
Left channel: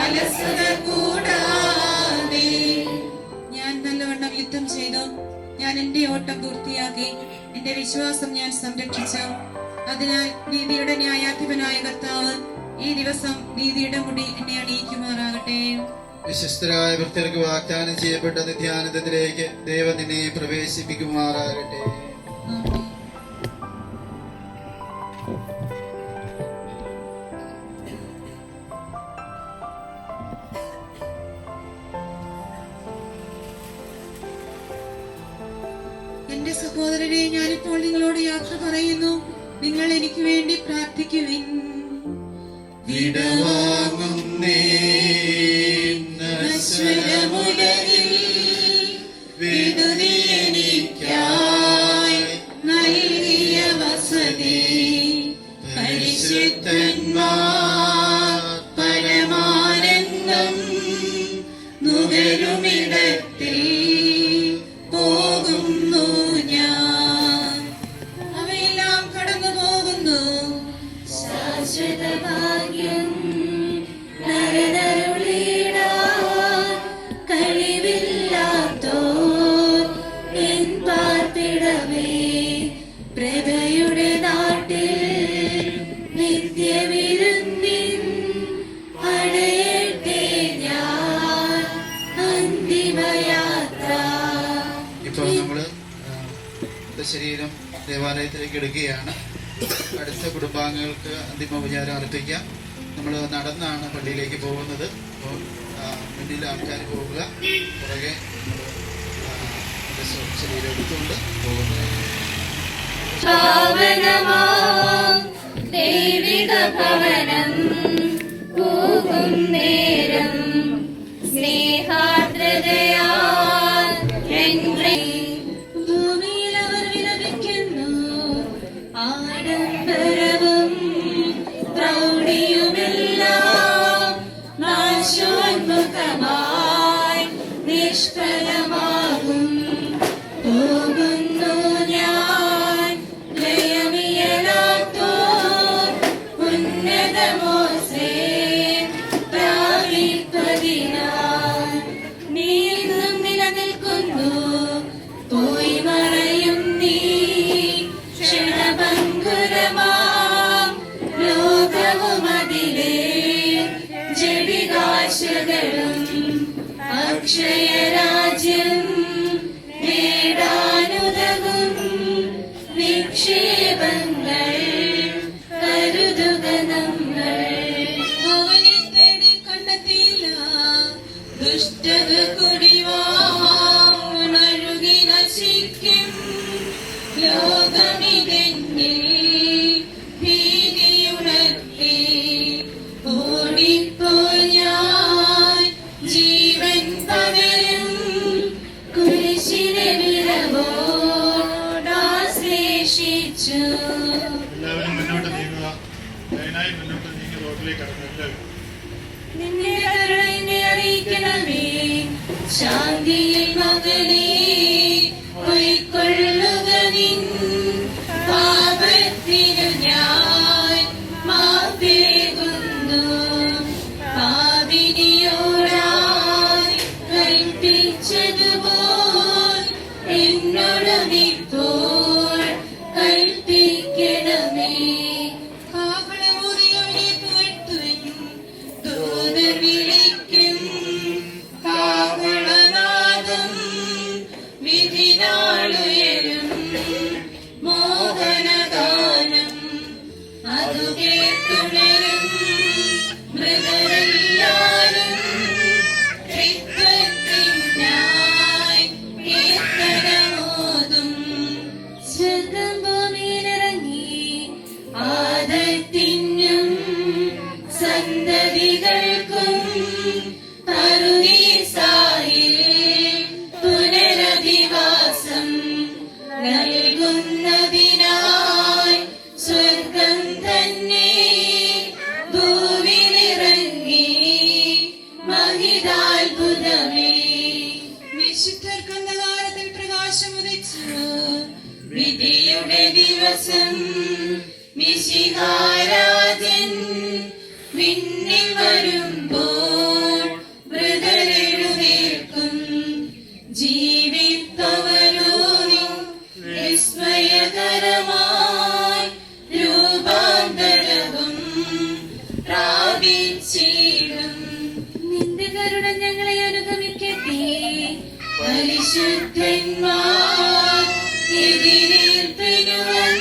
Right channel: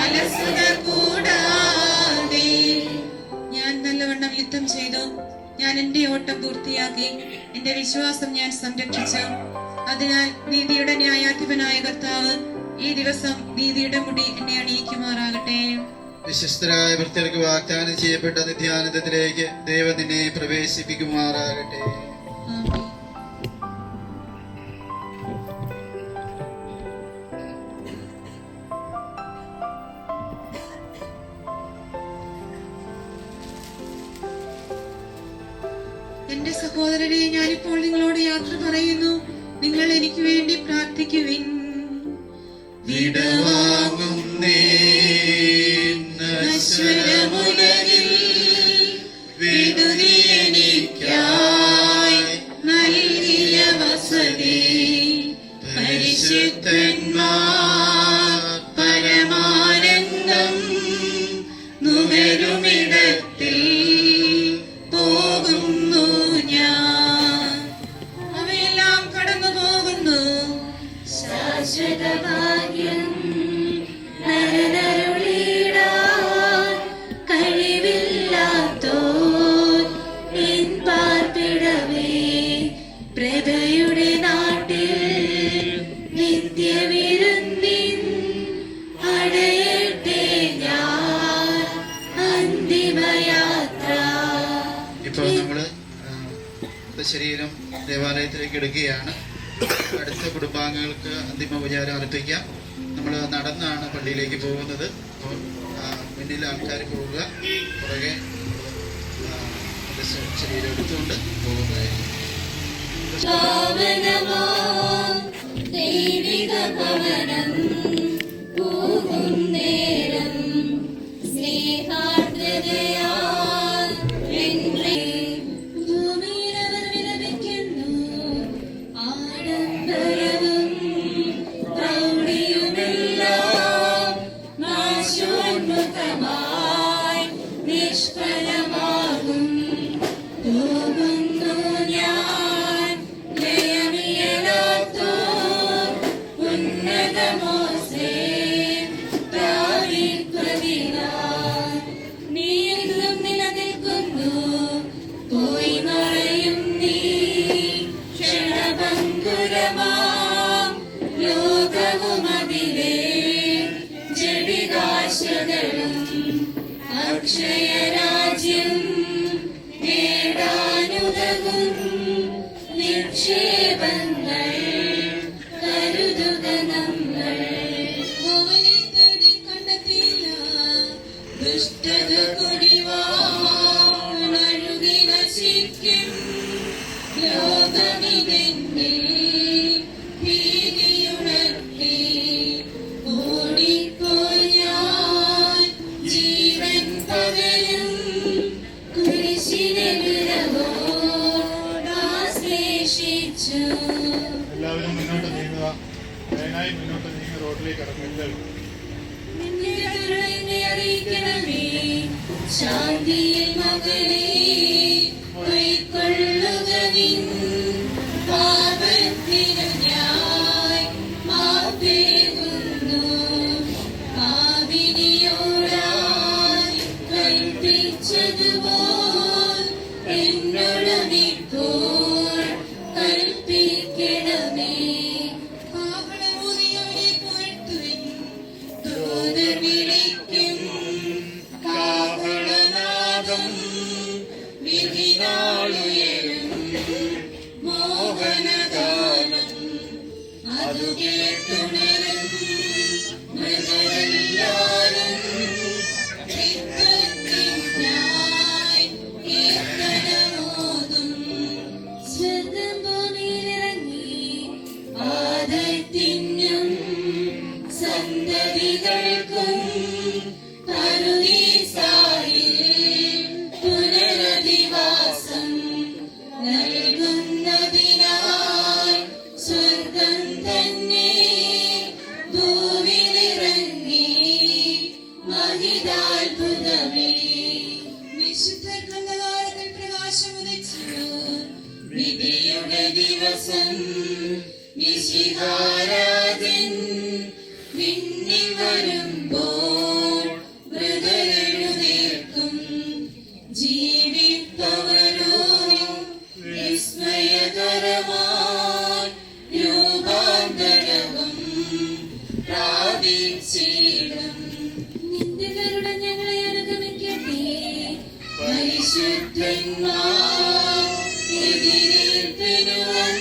അലസത കൂടാതെ. ഞാൻ നല്ലവണ്ണം യുദ്ധം ചെയ്തു, ഞാൻ എന്റെ ഓട്ടം പൂർത്തിയാക്കി, എന്റെ വിശ്വാസം ഞാൻ സംരക്ഷിച്ചു. അതിനാൽ നീതിയുടെ ന്യായാധിപനായ കർത്താവ് ഈ ദിവസം നീതിയുടെ മുടി എന്നെ അണിയിക്കുമാറാകട്ടെ. വിശ്വസ്തരായ ഭക്തർക്ക് വാഗ്ദാനം ചെയ്യപ്പെട്ട നിത്യാനന്ദത്തിലേക്ക് ദൈവം നിന്നെ പ്രവേശിപ്പിക്കുമാറാകട്ടെ. ആമേൻ. എന്റെ സഹോദരനെ, ഞാനിപ്പോൾ നിങ്ങളോട് യാത്ര പറയുന്നു. നിങ്ങൾ എനിക്ക് വേണ്ടി പ്രാർത്ഥിക്കുവിൻ. വിടവാങ്ങുന്നേ നശ്വരമുലകിൽ വിടുതി എനിക്കായി നൽകിയ വസതി പരിശുദ്ധന്മാർ പരമാനന്ദം നുകരുമിടത്തിൽ പോകുന്നു ഞാൻ. അവയെല്ലാം കടന്നു പോകുന്നു. ശാശ്വത ഭാഗ്യം നരനരുളിടാൻ കഴിവില്ലാത്തോർ നിൻ പാർപ്പിടമേ, പ്രഭയുടെ നാട്ടിൽ നിത്യവിരുന്നിൻ അടയട്ടെ ഞാൻ അന്തിമയാത്ര. ഇപ്പോൾ നമ്മള് ശരീരം ദേവാലയത്തിലേക്ക് എടുക്കുകയാണ്. അടുത്ത കുടുംബാംഗങ്ങൾക്ക് അന്തിമോപചാരം അർപ്പിക്കാം. നമ്മൾ നടന്നാണ് പള്ളിയിലേക്ക് പോകുന്നത്. അപ്പോൾ മുന്നിൽ ആൾക്കാർ പോവുക, പുറകെ നമ്മൾ ശരീരം എടുത്തുകൊണ്ട് പോകുന്നതായിരിക്കും. പാവനമാം ദൈവിക ഭവനം പോകും നേരം സ്നേഹാർദ്രതയാൽ എന്നെ ഭൂമിയിൽ അവർ വിലപിക്കുന്നു. ആഡംബരവും പ്രൗഢിയുമെല്ലാം നാശോന്മുഖമായി നിഷ്ഫലമാകും. പോകുന്നു ഞാൻ ലയമിയലാത്തോർ ഉന്നതമോസേ പ്രാപിപ്പതിനാൽ. നീയും നിലനിൽക്കുന്നു, പോയി മറയും നീ ക്ഷണഭംഗുരമാം ലോകവുമതിലേ ജഡികാശകളും അക്ഷയരാജ്യം നേടാനുതകും നിക്ഷേപങ്ങൾ കരുതുക നമ്മൾ. അവനെ തേടി കണ്ടെത്തിയില്ല, ദുഷ്ടത കുടിവാണഴുകി നശിക്കും. ലോകമിതെന്നിൽ ഭീതിയുണർത്തി ഓടിപ്പോയി ഞാൻ ജീവൻ പകരും കുരിശിനെ വിരവോടാശ്ലേഷിച്ചു. എല്ലാവരും മുന്നോട്ട് നീങ്ങുക. അതിനായി മുന്നോട്ട് നീങ്ങി റോഡിലേക്ക് ഇറങ്ങുക. നിന്നെ കരുണയെ അറിയിക്കണമേ, ശാന്തിയിൽ മകളെ കൈക്കൊള്ളുക നിൻ പാപത്തിനു ഞാൻ മാപ്പേകുന്നു. പാപിനിയോടായി കൽപ്പിച്ചതുപോൽ എന്നോടും ഇപ്പോൾ കൽപ്പിക്കണമേ. കാഹളമൂതിയവനെ പുകഴ്ത്തുവിൻ, ദൂതർ വിളിക്കും കാഹളനാദം. വിധിനാളുയരും മോഹനഗാനം, അതു കേട്ടുണരും മൃഗരെല്ലാരും. ത്രിത്വത്തിനായി കീർത്തനമോതും. സ്വർഗ്ഗം ഭൂമിയിലിറങ്ങി ആദത്തിനും സന്തതികൾക്കും പറുദീസായിൽ പുനരധിവാസം നൽകുന്നതിനായി സ്വർഗം തന്നെ ഭൂവിലിറങ്ങി മഹിതാത്ഭുതമേ. വിശുദ്ധർക്ക് അന്ധകാരത്തിൽ പ്രകാശമുദിച്ചു. വിധിയുടെ ദിവസം മിശിഹാരാജൻ വിണ്ണിൽ വരുമ്പോൾ മൃതരെഴുന്നേൽക്കും. ജീവിപ്പവരോ വിസ്മയകരമായി രൂപാന്തരവും പ്രാപിച്ചിടും. നിന്റെ കരുണ ഞങ്ങളെ അനുഗമിക്കട്ടെ. പരിശുദ്ധന്മാർ എതിരേൽപ്പിനുവൻ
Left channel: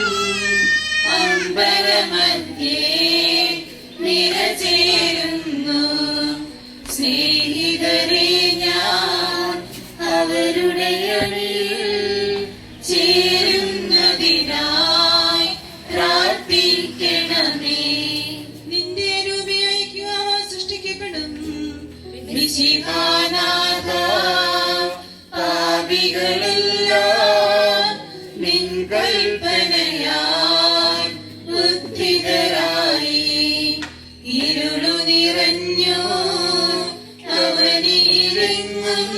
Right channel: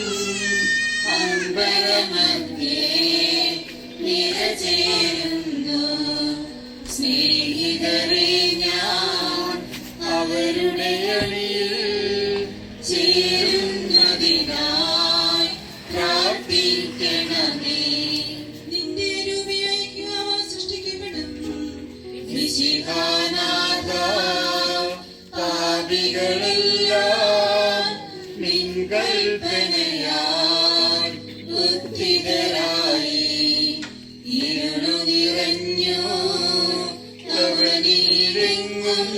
അമ്പരമധ്യേ നിറചേരുന്നു. മിശിഹാനാഥ പാപികളെല്ലാം നിൻ കൽപ്പനയാൽ ഉദ്ധിതരായി ഇരുളു നിറഞ്ഞു അവനിലെങ്ങും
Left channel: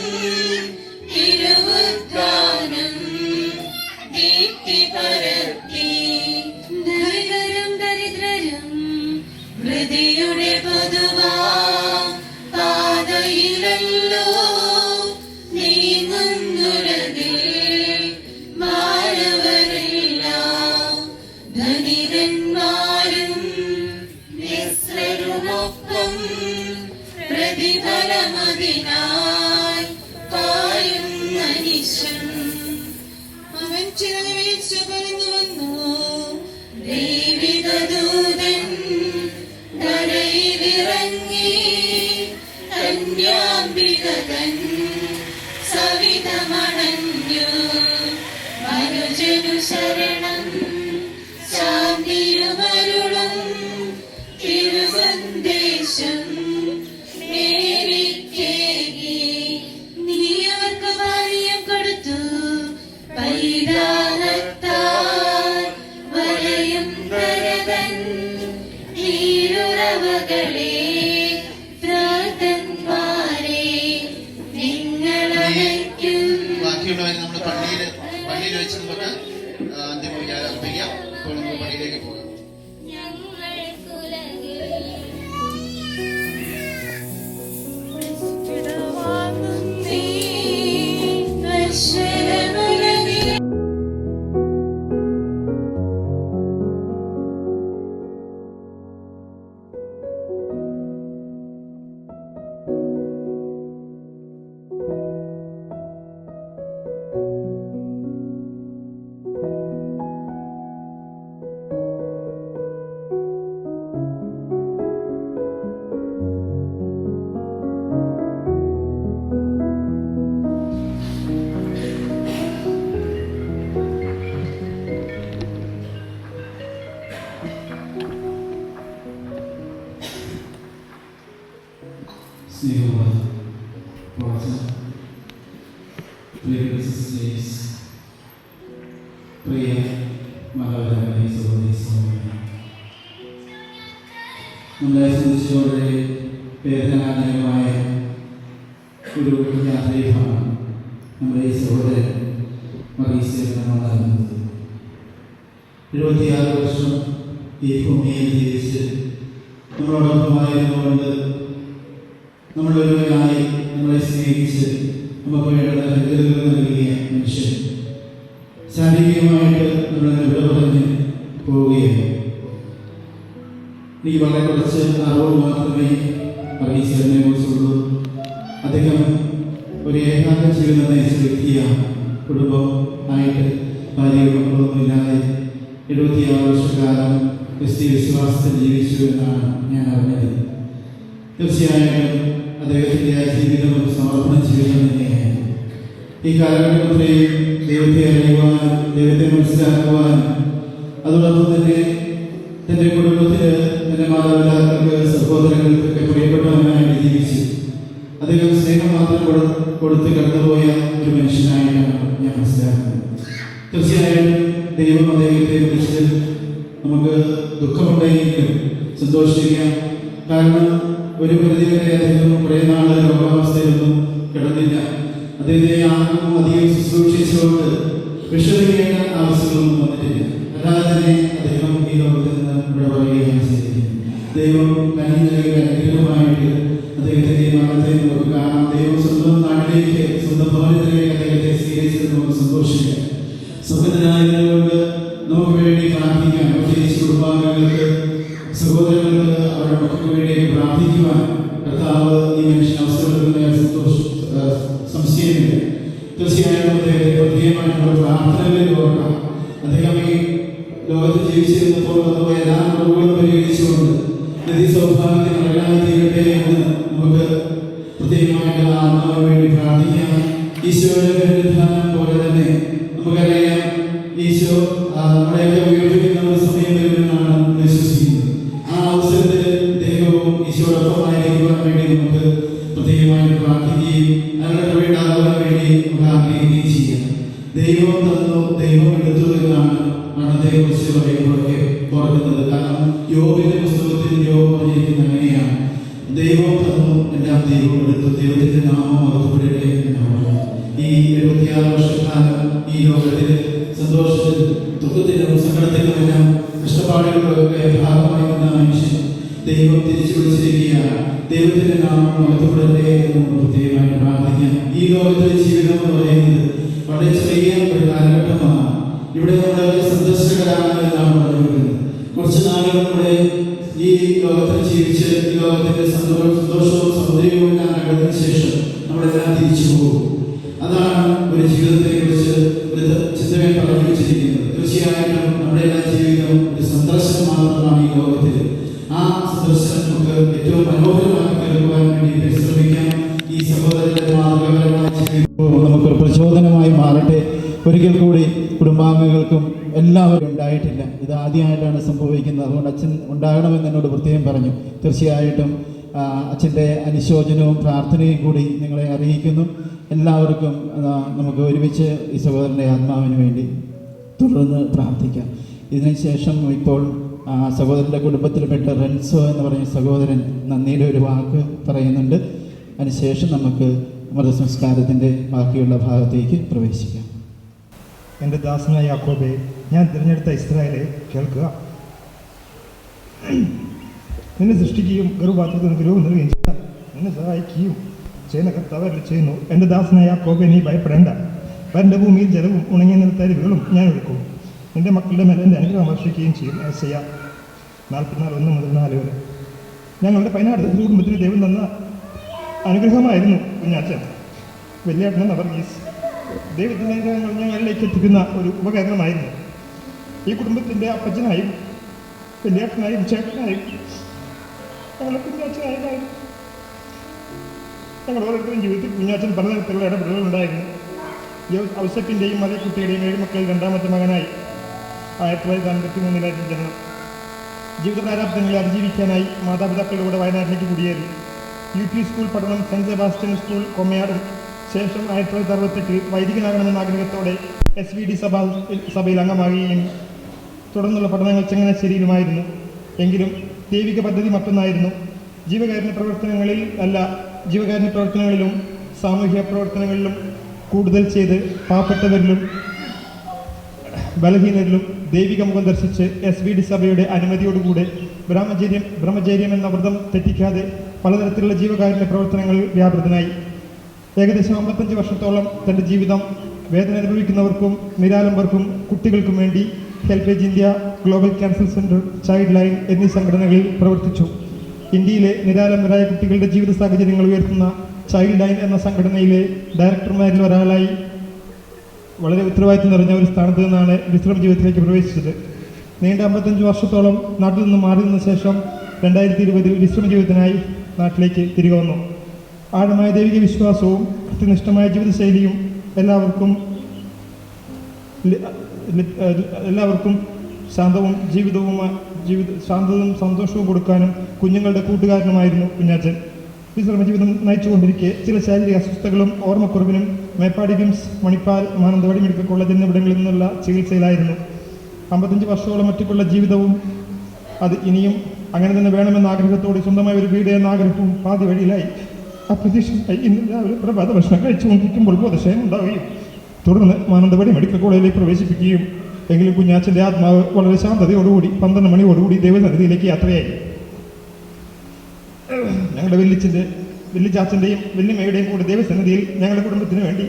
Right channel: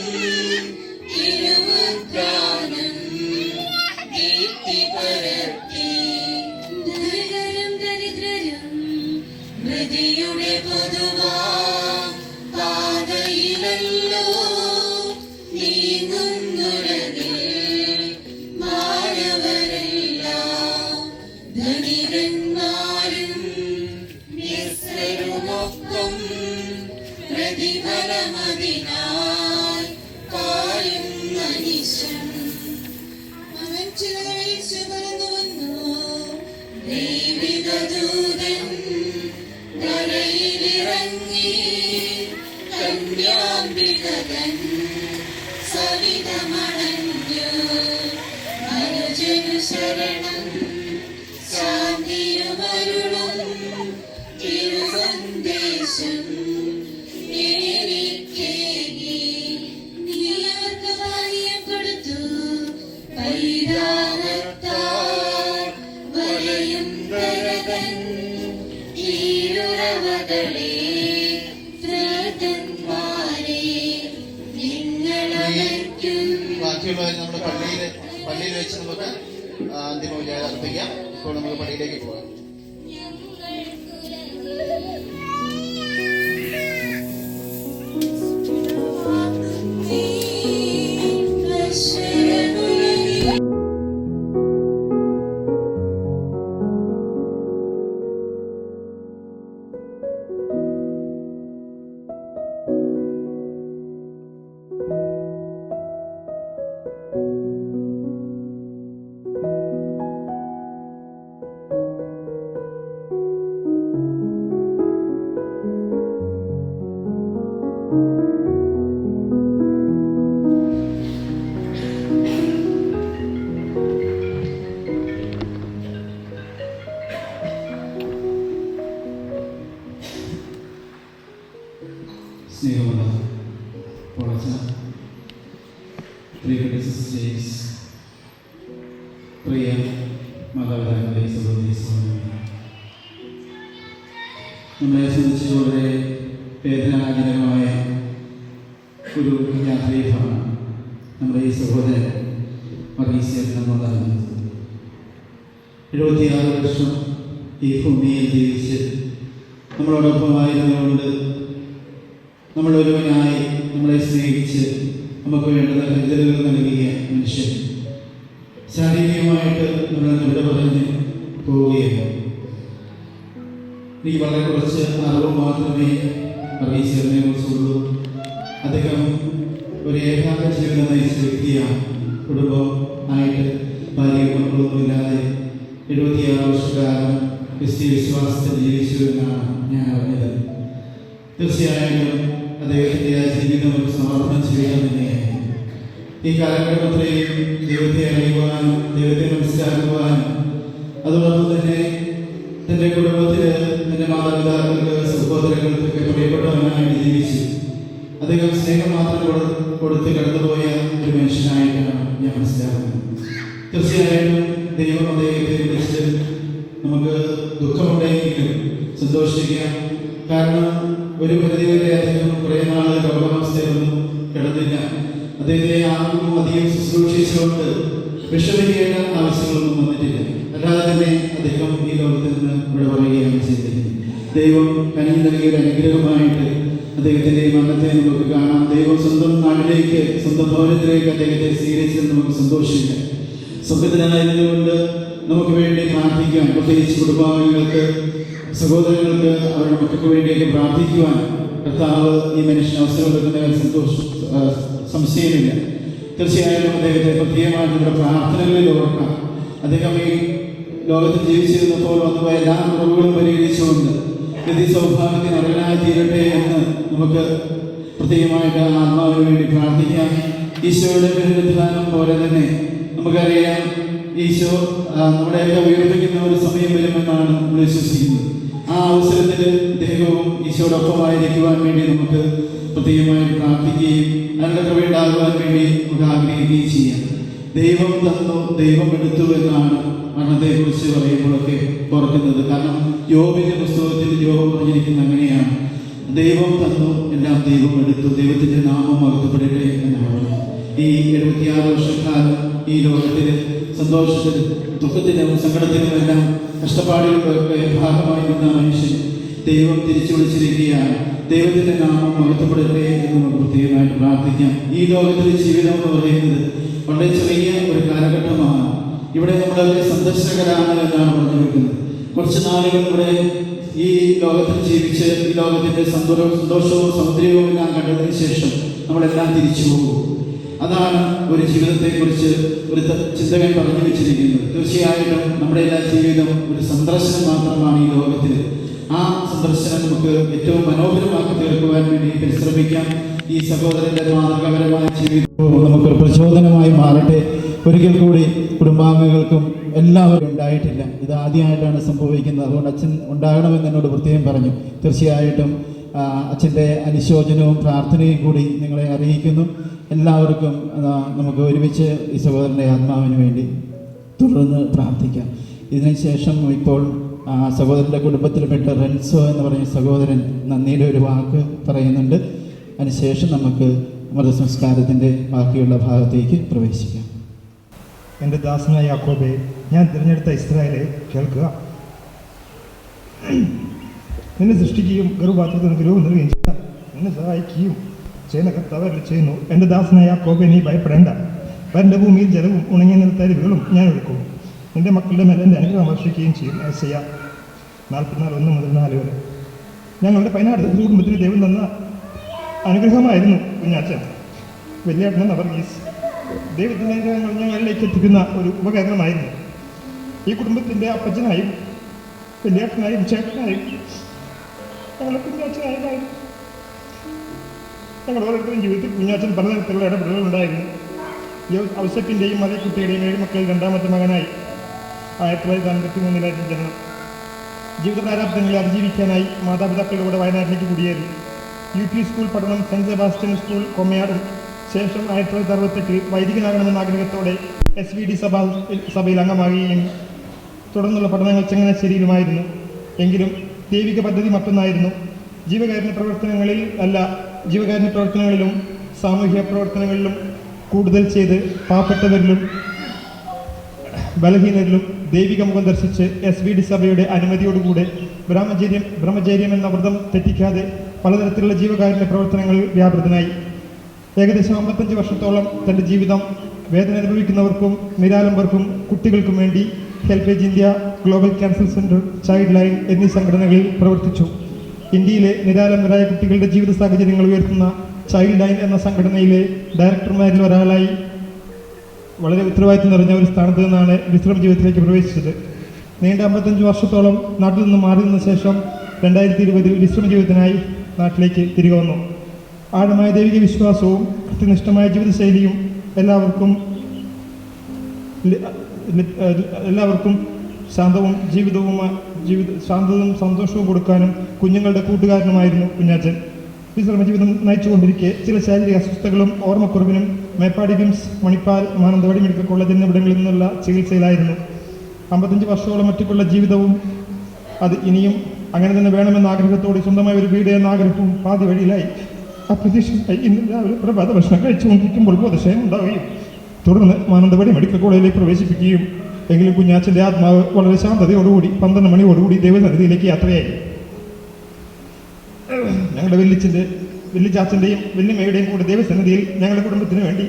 തിരുവുദ്ധാനം ദീപ്തി പരത്തി ദരിദ്രരും ദരിദ്രരും ഹൃദയുടെ പൊതുവാം പാതയിലല്ലോ നീങ്ങുന്നുലകിൽ മാനവരെല്ലാം ധനികന്മാരും നിസ്സരുമൊപ്പം പ്രതിഫലമതിനാൽ കായും മനുഷ്യൻ അവൻ ചിറവീഴ്ച കടന്നു വന്നു ദൈവിക ദൂതൻ ധരയിലിറങ്ങി കന്യാംബികതൻ സവിതമണഞ്ഞു മനുജനു ശരണം ശാന്തിയുമരുളും തിരുസന്ദേശം എനിക്കേകി നീ അവർക്ക് പാനീയം കൊടുത്തു പരിതാപത്താൽ വലയം തരതൻ നീരുറവകളെ പ്രാതന്മാരെ നിങ്ങളയക്കും. ബാക്കിയുള്ളവർ നമ്മുടെ പള്ളിയിൽ വെച്ച് നമുക്ക് അന്തിമപൂജ അർപ്പിക്കാം. ഇപ്പോൾ നമുക്ക് പള്ളിയിലേക്ക് പോകാം. സ്നേഹമുള്ള പ്രിയ സിസ്റ്റേഴ്സ്, പ്രിയ മാതാപിതാക്കളെ, സഹോദരി സഹോദരന്മാരെ, നമ്മളെ സംബന്ധിച്ച് വളരെ വേദനാജനകമായ ഒരു യാത്രയിലാണ് നമ്മുടെ ഈ സഹോദരൻ മറീസിൽ നമ്മൾ അറിയുന്നത്. 76 വർഷം ഈ ഭൂമിയിൽ ജീവിച്ച് നമ്മളോടൊപ്പമായിരുന്നുകൊണ്ട് നമ്മൾ ഒരുവനായി നമ്മളെ സ്നേഹിച്ച് നമുക്ക് വേണ്ടത് കരുതലുകൾ നൽകിയ മനുഷ്യൻ ശാരീരികമായിട്ട് നമ്മളെ വിട പറഞ്ഞ് പോവുകയാണ്. എനിക്ക് വളരെ കുറച്ച് അറിവ് മാത്രമേ അറിയിച്ചതിനെ കുറിച്ചുള്ളൂ. അദ്ദേഹം ഒരു ഏകാന്ത ജീവിതം നയിച്ച വ്യക്തിയാണ്. കുടുംബം ആയിട്ട് ഭാര്യയും മക്കളൊന്നുമില്ലാതെ 76 വർഷക്കാലം ക്രിസ്തീയ വിശ്വാസത്തിൽ ജീവിച്ചു എന്നാണ് ഞാൻ അറിഞ്ഞത്. തീർച്ചയായിട്ടും അദ്ദേഹത്തിൻ്റെ ആ ജീവിതം ഒരു സമർപ്പണ ജീവിതം തന്നെയായിരുന്നു. ഈ കാലഘട്ടത്തിലെയും ദൈവത്തെ അറിയുവാനും ദൈവത്തെ മനസ്സിലാക്കുവാനും അതോടൊപ്പം തന്നെ തൻ്റെ കുടുംബത്തിൽ തൻ്റെ മാതാപിതാക്കൾക്ക് സഹോദരങ്ങൾക്കൊക്കെ പ്രിയപ്പെട്ടവനായിട്ട് ജീവിച്ചു. അദ്ദേഹം സ്നേഹം മാത്രം കൊടുത്ത് കടന്നുപോയ ഒരു മനുഷ്യനായിട്ടാണ് ഞാൻ മനസ്സിലാക്കുന്നത്. തീർച്ചയായിട്ടും ദൈവം അദ്ദേഹത്തെ കുറിച്ച് നമുക്ക് ദുഃഖമുണ്ടെങ്കിലും സന്തോഷിക്കാം. കാരണം ഒരു പരിധിവരെ അദ്ദേഹം കുറേ നാൾ രോഗാവസ്ഥയിലൊന്നും കിടന്നില്ല. അദ്ദേഹത്തെ ആർക്കും അധികം ശുശ്രൂഷിച്ചുകൊണ്ട് വിഷമിക്കേണ്ട ആവശ്യങ്ങളൊന്നും വന്നിട്ടില്ല. അല്ലാതെ തന്നെ അദ്ദേഹം ഈ ലോകത്തിൽ നിന്ന് ഇവിടെ പറയുകയാണ് ചെയ്തത്. ദൈവം കനി നൽകിയ അനുഗ്രഹമായിട്ട് അദ്ദേഹത്തിൻ്റെ മരണത്തെ നമുക്ക് കാണാം. ദൈവം സ്വന്തം നാട്ടിലേക്ക്, സ്വന്തം ഭവനത്തിലേക്ക് അദ്ദേഹത്തെ സ്വീകരിച്ചത് നമുക്ക് സന്തോഷിക്കാം. സ്വന്തത്തിനായതുകൊണ്ട് നമുക്ക് വേണ്ടി പ്രാർത്ഥിക്കാം. പ്രത്യേകിച്ച് കുടുംബാംഗങ്ങൾക്ക്, സഹോദരങ്ങൾക്ക്, അവരുടെ മക്കൾക്ക് വേണ്ടിയൊക്കെ പ്രാർത്ഥിക്കുവാൻ കർത്താവ് ഈ മനുഷ്യൻ അവസരം സംശയമില്ല. തീർച്ചയായിട്ടും അദ്ദേഹത്തെ പ്രത്യേകമായിട്ടുള്ള പ്രാർത്ഥനകളിൽ ഓർക്കാം. അദ്ദേഹം ഈ ലോകത്തിൽ ജീവിച്ചിരുന്നപ്പോൾ വന്നുപോയ എല്ലാ കുറവുകളും പരിഹരിച്ചുകൊണ്ട് നിധി സൗഭാഗ്യത്തിന് അടങ്ങായി തീരട്ടെ എന്ന് നമുക്ക് പ്രത്യേകമായിട്ട് ആത്മാവിന് വേണ്ടി പ്രാർത്ഥിക്കാം. ഈശോയുടെ പുനരുദ്ധാനം പോലെ തന്നെ നമുക്കറിയാം, ഈശോ നമ്മളെയൊക്കെ ഉയർപ്പിക്കുന്ന ഒരു സമയം വരുമെന്നാണ് നമ്മൾ വിശ്വസിക്കുന്നത്. ആ അവസരത്തിൽ ദൈവവും ഈശോടൊപ്പമായിരിക്കുവാൻ വേണ്ടി നമുക്ക് പ്രത്യേകമായിട്ട് ദൈവം എടുത്തു എന്നാണ് മരണത്തെക്കുറിച്ച് പറയുമ്പോഴൊക്കെ ഓർക്കുന്നത്. കാരണം യോബിന്റെ പുസ്തകത്തിൽ യോബ് പറഞ്ഞിരിക്കുന്നത് അങ്ങനെയാണ്: ദൈവം തന്നു, എല്ലാം ദൈവം എടുത്തു, ദൈവത്തിന്റെ നാമം മറക്കപ്പെടട്ടെ എന്നാണ്. ഈ 76 വർഷക്കാലം ഈ ലോകത്തിൽ സന്തോഷത്തിലും ദുഃഖത്തിലും സങ്കടത്തിലുമെല്ലാം കഷ്ടപ്പാടുകളുടെ ഭാഗമായി നിന്ന മനുഷ്യൻ ദൈവം തിരിച്ചു വിളിച്ചിരിക്കുകയാണ്. ദൈവത്തിന്റെ നാമം മറക്കപ്പെടട്ടെ എന്ന് പ്രത്യേകമായിട്ട് പ്രാർത്ഥിക്കാം. ഈ ലോകത്തിലെ ജീവിതം എന്ന് പറയുന്നത് വളരെ ചെറിയ ഒരു കാലഘട്ടമാണ്. ഇവിടെ നമ്മൾ സന്ദർശകരാണ് എന്നാണ് പറഞ്ഞിരിക്കുന്നത്. കുറച്ച് നാളുകൾ കൂടെ ഈ ലോകത്തിൽ ജീവിച്ച് ഈ ലോകത്തിന്റെ സന്തോഷവും സൗന്ദര്യവും എല്ലാം കണ്ടതിന് ശേഷം നമ്മളെല്ലാം തിരിച്ചു പോകും. അതാണ് ഒരു ജീവിതത്തെക്കുറിച്ച് ഒരു ചിന്തകൻ പറഞ്ഞു വെച്ചിരിക്കുന്നത്. തീർച്ചയായിട്ടും നമ്മുടെ എല്ലാ ജീവിതവും ഒരു സന്ദർശനം മാത്രമാണ് ഈ ലോകത്തിൽ. ആ സന്ദർശനം നമുക്ക് ഏറ്റവും മനോഹരമാക്കി തീർക്കുവാൻ വേണ്ടി പരിശ്രമിക്കാം. ഈ സഹോദരന്റെ മാതൃകാപരമായ ജീവിതം നമുക്കൊരു പ്രചോദനമായി മാറട്ടെ. ഒരിക്കൽ കൂടി കുടുംബാംഗങ്ങൾക്കും എല്ലാവരും ഉണ്ടായിട്ടില്ല, ഇത് ആദ്യമായിട്ടാണ് സംഭവിക്കുന്നത്. അതുകൊണ്ട് അച്ഛൻ ഉണ്ടാകണമെന്ന് എന്നോട് പ്രത്യേകം പറഞ്ഞു. തീർച്ചയായിട്ടും അച്ഛൻ്റെ അനുശോചനവും പ്രാർത്ഥനയും കൂടി നിങ്ങളെ അറിയിക്കുന്നു. എല്ലാവർക്കും നമുക്ക് ഒരുമിച്ച് ഈ സഹോദരൻ്റെ ആത്മാവിന് വേണ്ടി തുടർന്ന് പ്രാർത്ഥിക്കാം. ഇതിനുശേഷം ഇപ്പോൾ സഹോദരൻ്റെ കുടുംബത്തിൽപ്പെട്ട റെൻസോ എന്ന് പറഞ്ഞ സഹോദരൻ നന്ദിയുടെ ഒരു വാക്ക് പറയുന്നുണ്ട്. അതിനുശേഷം നമുക്ക് മൃതസംസ്കാരത്തിൻ്റെ ബാക്കിയുള്ള ഭാഗത്തേക്ക് പ്രവേശിക്കാം. എൻ്റെ ദാസനായ യാക്കോബേ, ഞാൻ തിരഞ്ഞെടുത്ത ഇസ്രായേലെ കേൾക്കുക. നിന്നെ സൃഷ്ടിക്കുകയും ഗർഭപാത്രത്തിന് ഗുരുവും നൽകുകയും ചെയ്ത നിന്നെ സഹായിക്കുകയും ചെയ്യുന്ന കർത്താവ് ചെയ്യുന്നു. എൻ്റെ ദാസനായ യാക്കോബേ, നീ ഭയപ്പെടേണ്ട. വരണ്ട ഭൂമിയിൽ ജലവും ഉണങ്ങിയ നിലത്തരിവുകളും ഞാൻ ഒഴുക്കും. നിന്റെ മക്കളുടെ മേലെ എൻ്റെ അനുഗ്രഹം വർഷിക്കുകയും ചെയ്യും. യെശയ്യാ 44:1-4 വരെ. ഞങ്ങളുടെ 16 കുടുംബത്തിന് ദൈവം തന്ന അനുഗ്രഹമായിരുന്നു കുഞ്ഞാച്ചൻ. വലിയേട്ടൻ വർഗീസ് ദൈവത്തിൻ്റെ അനുഗ്രഹങ്ങൾ ഞങ്ങളിലേക്ക് എത്തിക്കുന്ന ഒരു ഉപകരണമായിരുന്നു. ഈ കുടുംബത്തിൻ്റെ അപ്പച്ചനായും വലിയേട്ടനായും ചേട്ടനായും ഞങ്ങളുടെ കുഞ്ഞാച്ചനായും ഞങ്ങൾ ഓരോരുത്തരും ജീവിതത്തിൽ കുഞ്ഞാച്ചൻ പലതരത്തിലുള്ള ഇടപെടലുകൾ ഉണ്ടായിരുന്നു. ഔസപ്പിൻ്റെയും മലക്കുട്ടിയുടെയും 7 മക്കളിൽ 2ാമത്തെ മകനായി 1953 ജനനം. ജീവിത പ്രാരാബ്ദങ്ങളെ അതിജീവിക്കാനായി മാതാപിതാക്കളുടെ കൂടെ വയനാട്ടിലേക്ക് കുടിയേറി. UP സ്കൂൾ പഠനം സെൻറ്റ് സെബാസ്റ്റ്യൻ സ്കൂൾ കൊമ്മയാടും. ശേഷം 1968 വൈദികനാകണമെന്ന ആഗ്രഹത്തോടെ SVD സഭയിൽ അംഗമാകുകയും തുടർന്നുള്ള പഠനങ്ങൾ ചങ്ങനാശ്ശേരിയിലുമായിരുന്നു. എങ്കിലും ദൈവിക പദ്ധതി മറ്റൊന്നായിരുന്നു. ജീവകാരുണ്യ പ്രവർത്തനങ്ങളിലും സാമൂഹ്യ പ്രവർത്തനങ്ങളിലും കൂടുതൽ ചെയ്ത് പാവപ്പെട്ടവരിലും ബലഹീനരിലും ദൈവിക മുഖം ദർശിച്ച് SVD സഭയുടെ അനുമതിയോടുകൂടെ ബ്രഹ്മചര്യം എന്ന വ്രതം തെറ്റിക്കാതെ പലതരത്തിലുള്ള ജീവകാരുണ്യ പ്രവർത്തനങ്ങളിൽ വ്യാപൃതനായി. ഏകദേശം 55 വർഷത്തോളം തൻ്റെ ജീവിതം വേദന അനുഭവിക്കുന്നവർക്കും നിരാലംബർക്കും കുട്ടികൾക്കും വേണ്ടി HelpAge India, global cancer centre, child line എന്നീ സംഘടനകളിൽ പ്രവർത്തിച്ചു. ഇന്ത്യയിലെ നിരാലംബരായ കുട്ടികളുടെ ജീവിത സാഹചര്യങ്ങൾ ഉയർത്തുന്ന ചൈൽഡ് ലൈൻ എന്ന സംഘടനയിലെ ഡയറക്ടർമാരിൽ ഒരാളായി വളരെ ഉത്തരവാദിത്വം നിറഞ്ഞ ഒരു സ്ഥാനത്ത് നിന്നാണ് വിശ്രമ ജീവിതത്തിലേക്ക് പ്രവേശിച്ചത്. നീണ്ട 55 വർഷത്തോളം നാട്ടിൽ നിന്ന് മാറി നിന്ന ശേഷം 2020 വിശ്രമ ജീവിതത്തിനായി നാട്ടിലേക്ക് തിരികെ വന്നു. ആഴമായ ദൈവിക വിശ്വാസവും കൃത്യനിഷ്ഠമായ ജീവിതശൈലിയും എല്ലാവർക്കും ശാന്തവും സന്തോഷവും കൊടുക്കാനും കുഞ്ഞുങ്ങളുടെ കൂട്ടുകാരനുമായിരുന്നു കുഞ്ഞാച്ചൻ. വിശ്രമ ജീവിതം നയിച്ചുകൊണ്ടിരിക്കെ ചില ശാരീരിക അസ്വസ്ഥതകളും ഓർമ്മക്കുറവിനും മേപ്പാടി വിംസ്, മണിപ്പാൽ, മാനന്തവാടി മെഡിക്കൽ കോളേജ് എന്നിവിടങ്ങളിൽ നിന്നുള്ള ചികിത്സയിലായിരുന്നു. 55 വർഷത്തോളം ഒറ്റയ്ക്കുള്ള ജീവിതവും അത് ഇനിയും അങ്ങനെ തന്നെ വേണമെന്ന ആഗ്രഹത്തോടെ സ്വന്തമായ ഒരു വീട് എന്ന ആഗ്രഹവും പാതി വഴിയിലായി. അപ്രതീക്ഷിതമായി ഇന്ന് രാവിലെ പ്രഭാത ഭക്ഷണം കഴിച്ചുകൊണ്ടിരിക്കുമ്പോൾ ബോധക്ഷയം ഉണ്ടാവുകയും തുടർന്ന് മാനന്തവാടി മെഡിക്കൽ കോളേജിലേക്ക് പ്രവേശിപ്പിക്കുകയും എങ്കിലും കുഞ്ഞാച്ചൻ്റെ ആത്മാവ് വളരെ ശാന്തതയോടുകൂടി 12 മണിയോടുകൂടി ദൈവസന്നിധിയിലേക്ക് യാത്രയായി. ഞങ്ങളുടെ വല്യച്ചാച്ചൻ്റെയും വല്യമ്മയുടെയും കൂടെ ദൈവസന്നിധിയിൽ ഞങ്ങളുടെ കുടുംബത്തിന് വേണ്ടി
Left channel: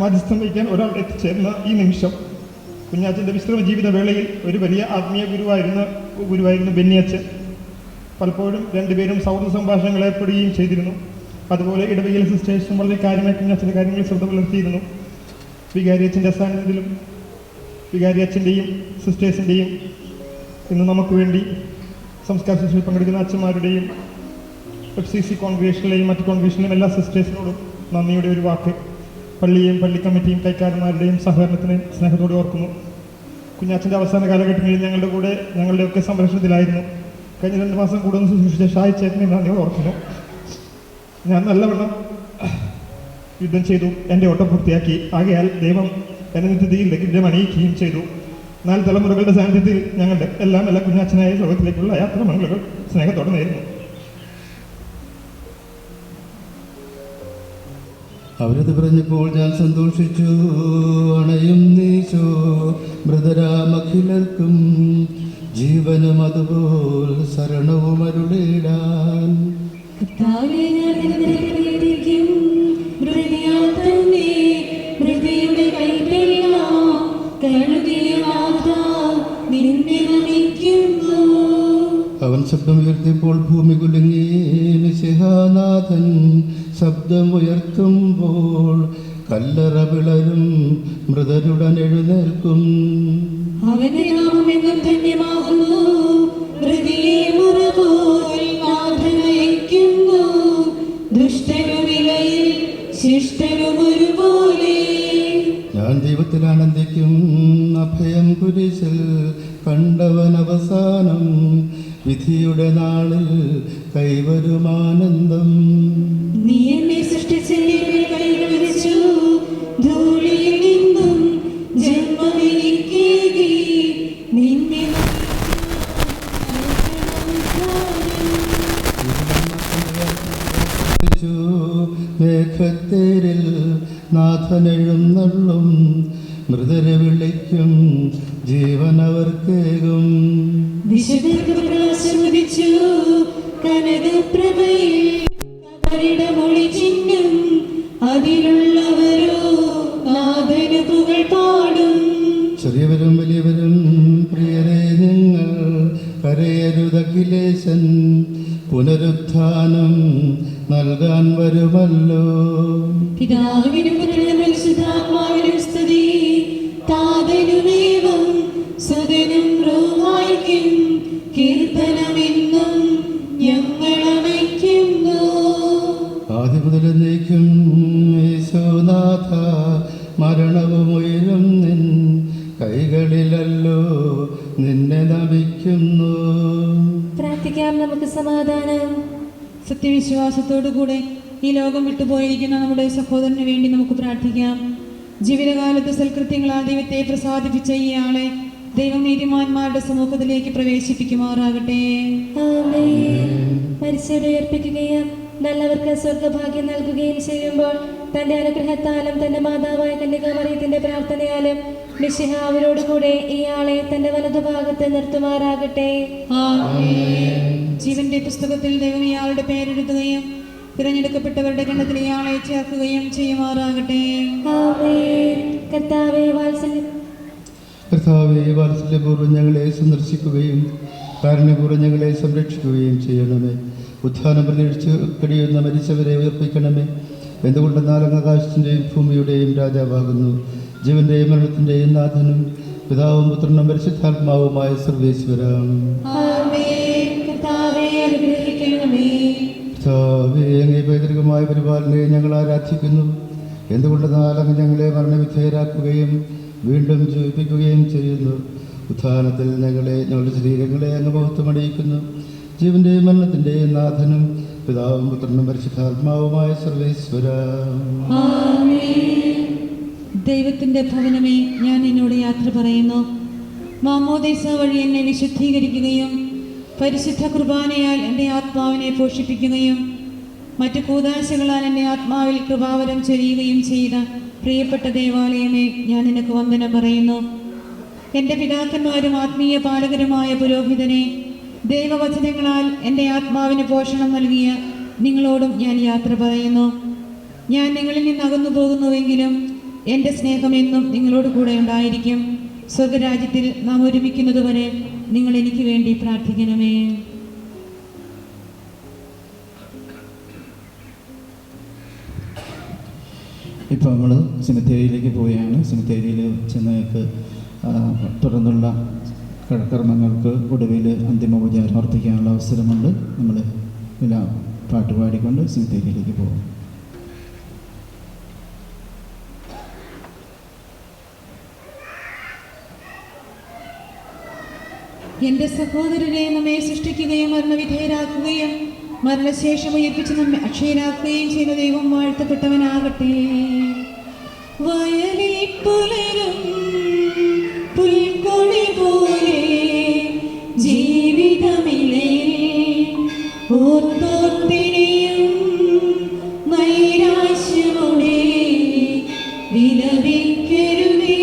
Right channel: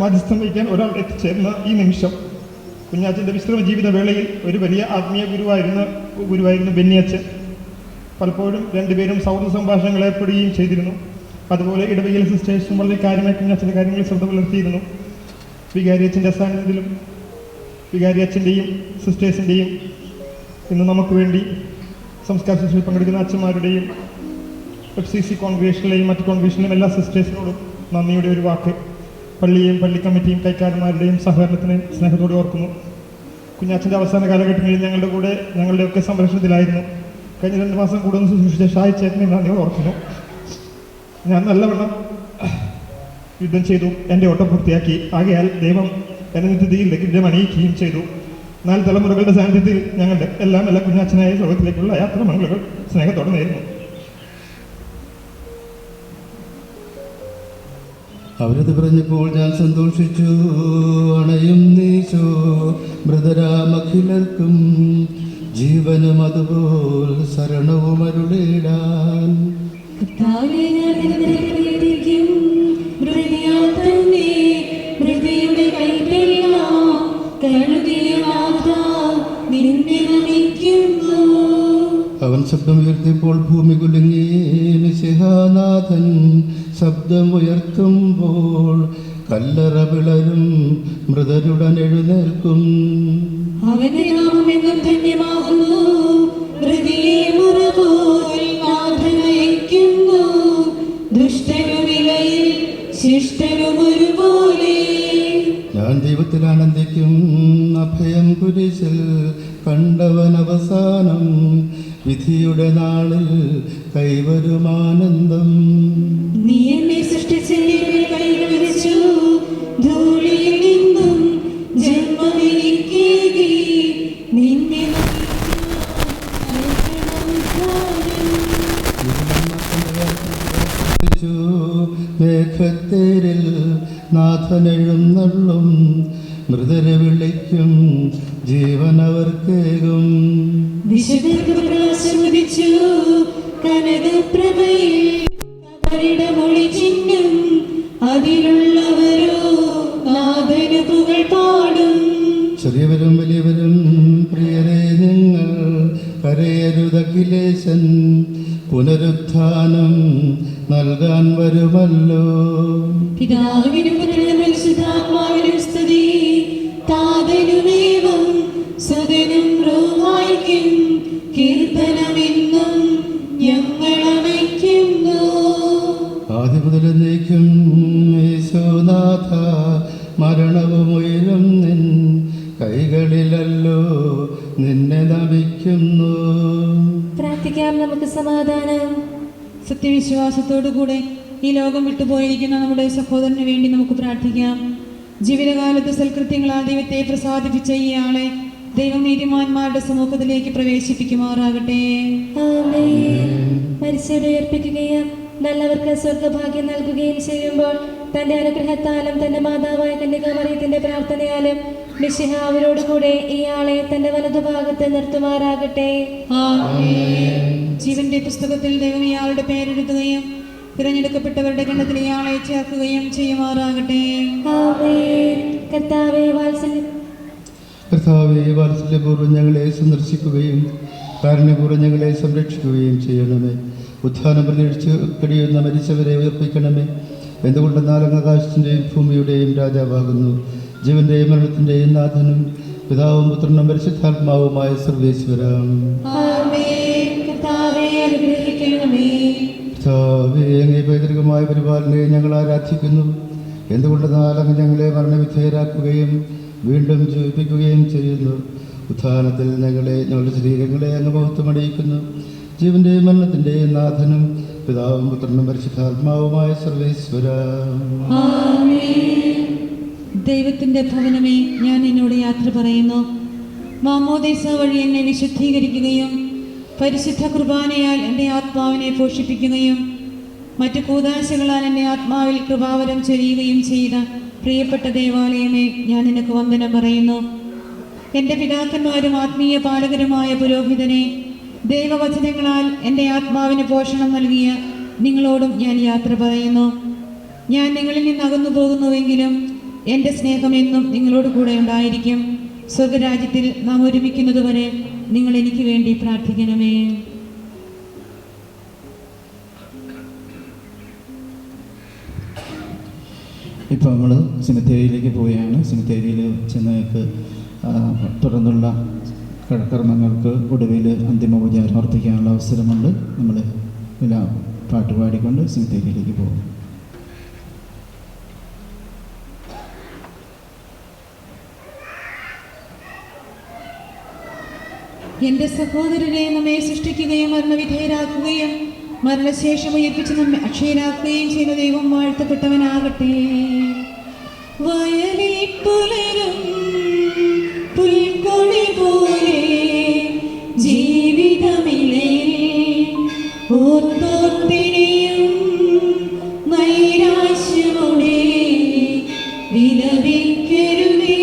മധ്യസ്ഥം വഹിക്കാൻ ഒരാൾ എത്തിച്ചേർന്ന ഈ നിമിഷം കുഞ്ഞാച്ചൻ്റെ വിശ്രമ ജീവിത വേളയിൽ ഒരു വലിയ ആത്മീയ ഗുരുവായിരുന്നു ബെന്നിയച്ചൻ. പലപ്പോഴും രണ്ടുപേരും സൗഹൃദ സംഭാഷണങ്ങൾ ഏർപ്പെടുകയും ചെയ്തിരുന്നു. അതുപോലെ ഇടവകയിലെ സിസ്റ്റേഴ്സും വളരെ കാര്യമായി കുഞ്ഞാച്ചൻ്റെ കാര്യങ്ങളിൽ ശ്രദ്ധ പുലർത്തിയിരുന്നു. വികാരിയച്ഛൻ്റെ സാന്നിധ്യത്തിലും വികാരിയച്ഛൻ്റെയും സിസ്റ്റേഴ്സിൻ്റെയും ഇന്ന് നമുക്ക് വേണ്ടി സംസ്കാര ശുശ്രൂഷയിൽ പങ്കെടുക്കുന്ന അച്ഛന്മാരുടെയും FCC കോൺഗ്രേഷനിലെയും മറ്റ് കോൺഗ്രേഷനിലെയും എല്ലാ സിസ്റ്റേഴ്സിനോടും നന്ദിയുടെ ഒരു വാക്ക്. പള്ളിയെയും പള്ളി കമ്മിറ്റിയും കൈക്കാരന്മാരുടെയും സഹകരണത്തിന് സ്നേഹത്തോടെ ഓർക്കുന്നു. കുഞ്ഞാച്ചൻ്റെ അവസാന കാലഘട്ടങ്ങളിൽ ഞങ്ങളുടെയൊക്കെ സംരക്ഷണത്തിലായിരുന്നു. കഴിഞ്ഞ 2 മാസം കൂടുതൽ ശുശ്രൂഷിച്ച ഷായി ചേട്ടനെ നന്ദിയോട് ഓർക്കുന്നു. ഞാൻ നല്ലവണ്ണം യുദ്ധം ചെയ്തു എൻ്റെ ഓട്ടം പൂർത്തിയാക്കി. ആകയാൽ ദൈവം എന്നെ നിത്യതയിലേക്ക് വിജയമണിയിക്കുകയും ചെയ്തു. 4 തലമുറകളുടെ സാന്നിധ്യത്തിൽ ഞങ്ങളുടെ എല്ലാ കുഞ്ഞാച്ചനായ ലോകത്തിലേക്കുള്ള യാത്ര മംഗളുകൾ സ്നേഹത്തോടെ നേരുന്നു. അവരത് പറഞ്ഞപ്പോൾ ഞാൻ സന്തോഷിച്ചു. അണയും നീശോ മൃതരാമഖിലർക്കും ജീവനും അതുപോൽ ശരണവും അരുളിടാൻ. അവൻ ശബ്ദം ഉയർത്തിയപ്പോൾ ഭൂമി കുലുങ്ങി. മിശിഹാനാഥൻ ശബ്ദം ഉയർത്തുമ്പോൾ കല്ലറ പിളരും, മൃതരുടൻ എഴുന്നേൽക്കും. അവന്റെ നാമമെന്നും ധന്യമാകുന്നു. ഹൃദയെ മുറപോൽ നാഥൻ അയയ്ക്കുന്നു. ദുഷ്ടനുമിലയിൽ ശിഷ്ടനും ഒരുപോലെ. ഞാൻ ദൈവത്തിൽ ആനന്ദിക്കും. അഭയം കുരിശിൽ കണ്ടവൻ അവസാനം. വിധിയുടെ നാളിൽ കൈവരുമാനന്ദം. നീ എന്നെ സൃഷ്ടിച്ചെന്നെ കൈകൾ വെച്ചു. ധൂളിയിൽ നിന്നും ജന്മമെനിക്കേകി. നിന്നെ മേഘത്തേരിൽ നാഥനെഴുന്നള്ളും. മൃതരെ വിളിക്കും, ജീവനവർക്കേകും. വിശുദ്ധർക്ക് പ്രകാശം ഉദിച്ചു. കനകപ്രഭയിൽ മൊഴി ചിഹ്നം. അതിലുള്ളവരോ നാഥന് പുകൾ പാടും. ചെറിയവരും വലിയവരും പ്രിയരെ നിങ്ങൾ കരയരുതഖിലേശൻ. പുനരുത്ഥാനം നൽകാൻ വരുമല്ലോ. പിതാവിനും പുത്രനും പരിശുദ്ധാത്മാവിനും സ്തുതി. താതനുമേവം സുതനും റൂഹായ്ക്കും കീർത്തനമെന്നും ഞങ്ങൾ അണയ്ക്കുന്നു. ആദ്യം മുതൽ എന്നേക്കും യേശുനാഥ, മരണവും ഉയരും നിൻ കൈകളിലല്ലോ നിന്നെ നമിക്കുന്നു. പ്രാർത്ഥിക്കാം നമുക്ക് സമാധാനം. സത്യവിശ്വാസത്തോടുകൂടെ ഈ ലോകം വിട്ടുപോയിരിക്കുന്ന നമ്മുടെ സഹോദരന് വേണ്ടി നമുക്ക് പ്രാർത്ഥിക്കാം. ജീവിതകാലത്ത് സൽകൃത്യങ്ങളാൽ ദൈവത്തെ പ്രസാദിപ്പിച്ച ഇയാളെ ദൈവം നീതിമാന്മാരുടെ സമൂഹത്തിലേക്ക് പ്രവേശിപ്പിക്കുമാറാകട്ടെ. മരിച്ചവരെ ഉയർപ്പിക്കുകയും നല്ലവർക്ക് സ്വർഗഭാഗ്യം നൽകുകയും ചെയ്യുമ്പോൾ തന്റെ അനുഗ്രഹത്താലും തന്റെ മാതാവായ കന്യകാമറിയത്തിന്റെ പ്രാർത്ഥനയാലും മിശിഹ അവരോടുകൂടെ ഇയാളെ തന്റെ വലതുഭാഗത്ത് നിർത്തുമാറാകട്ടെ. ജീവന്റെ പുസ്തകത്തിൽ ദൈവം ഇയാളുടെ പേരെഴുതുകയും തിരഞ്ഞെടുക്കപ്പെട്ടവരുടെ ഗണത്തിൽ ഇയാളെ ചേർക്കുകയും ചെയ്യുമാറാകട്ടെ. കർത്താവേ വാത്സല്യപൂർവ്വം ഞങ്ങളെ സന്ദർശിക്കുകയും കാരുണ്യപൂർവ്വം ഞങ്ങളെ സംരക്ഷിക്കുകയും ചെയ്യണമേ. ഉത്ഥാനം പ്രതീക്ഷിച്ച് കഴിയുന്ന മരിച്ചവരെ ഉയർപ്പിക്കണമേ. എന്തുകൊണ്ടെന്നാൽ അങ്ങ് ആകാശത്തിൻ്റെയും ഭൂമിയുടെയും രാജാവാകുന്നു. ജീവന്റെയും മരണത്തിൻ്റെയും നാഥനും പിതാവും പുത്രനും പരിശുദ്ധാത്മാവുമായ സർവേശ്വരം. അങ്ങേ പൈതൃകമായ പരിപാലനയെ ഞങ്ങൾ ആരാധിക്കുന്നു. എന്തുകൊണ്ടെന്നാൽ അങ്ങ് ഞങ്ങളെ മരണവിധേയരാക്കുകയും വീണ്ടും ജീവിപ്പിക്കുകയും ചെയ്യുന്നു. ഉത്ഥാനത്തിൽ ഞങ്ങളുടെ ശരീരങ്ങളെ അങ്ങ് മഹത്വമണിയിക്കുന്നു. ജീവന്റെയും മരണത്തിൻ്റെയും നാഥനും പിതാവും പുത്രനും പരിശുദ്ധാത്മാവുമായ സർവേശ്വര. ദൈവത്തിന്റെ ഭവനമേ, ഞാൻ എന്നോട് യാത്ര പറയുന്നു. മാമോദീസ വഴി എന്നെ വിശുദ്ധീകരിക്കുകയും പരിശുദ്ധ കുർബാനയാൽ എൻ്റെ ആത്മാവിനെ പോഷിപ്പിക്കുകയും മറ്റു കൂദാശകളാൽ എൻ്റെ ആത്മാവിൽ കൃപാവരം ചൊരിയുകയും ചെയ്ത പ്രിയപ്പെട്ട ദേവാലയമേ, ഞാൻ നിനക്ക് വന്ദനം പറയുന്നു. എൻ്റെ പിതാക്കന്മാരും ആത്മീയ പാലകരുമായ പുരോഹിതനെ, ദൈവവചനങ്ങളാൽ എൻ്റെ ആത്മാവിന് പോഷണം നൽകിയ നിങ്ങളോടും ഞാൻ യാത്ര പറയുന്നു. ഞാൻ നിങ്ങളിൽ നിന്ന് അകന്നു പോകുന്നുവെങ്കിലും എൻ്റെ സ്നേഹം എന്നും നിങ്ങളോട് കൂടെ ഉണ്ടായിരിക്കും. സ്വർഗരാജ്യത്തിൽ നാം ഒരുമിക്കുന്നതുവരെ നിങ്ങൾ എനിക്ക് വേണ്ടി പ്രാർത്ഥിക്കണമേ. ഇപ്പോൾ നമ്മൾ സെമിത്തേരിയിലേക്ക് പോവുകയാണ്. സെമിത്തേരിയിൽ ചെന്നേക്ക് തുടർന്നുള്ള കർമ്മങ്ങൾക്ക് ഒടുവിൽ അന്തിമോപചാരം അർപ്പിക്കാനുള്ള അവസരമുണ്ട്. നമ്മൾ എല്ലാം പാട്ടുപാടിക്കൊണ്ട് സെമിത്തേരിയിലേക്ക് പോകും. എന്റെ സഹോദരരെ, നമ്മെ സൃഷ്ടിക്കുകയും മരണവിധേയരാക്കുകയും മരണശേഷം ഉയർപ്പിച്ച് നമ്മെ അക്ഷയരാക്കുകയും ചെയ്യുന്ന ദൈവം വാഴ്ത്തപ്പെട്ടവനാകട്ടെ. വയലിൽ പുലരും പുൽക്കൊടി പോലെ ജീവിതമിളയിൽ ഓർത്തോർത്തിനെയും നൈരാശ്യമോടെ വിലപിക്കരുതേ.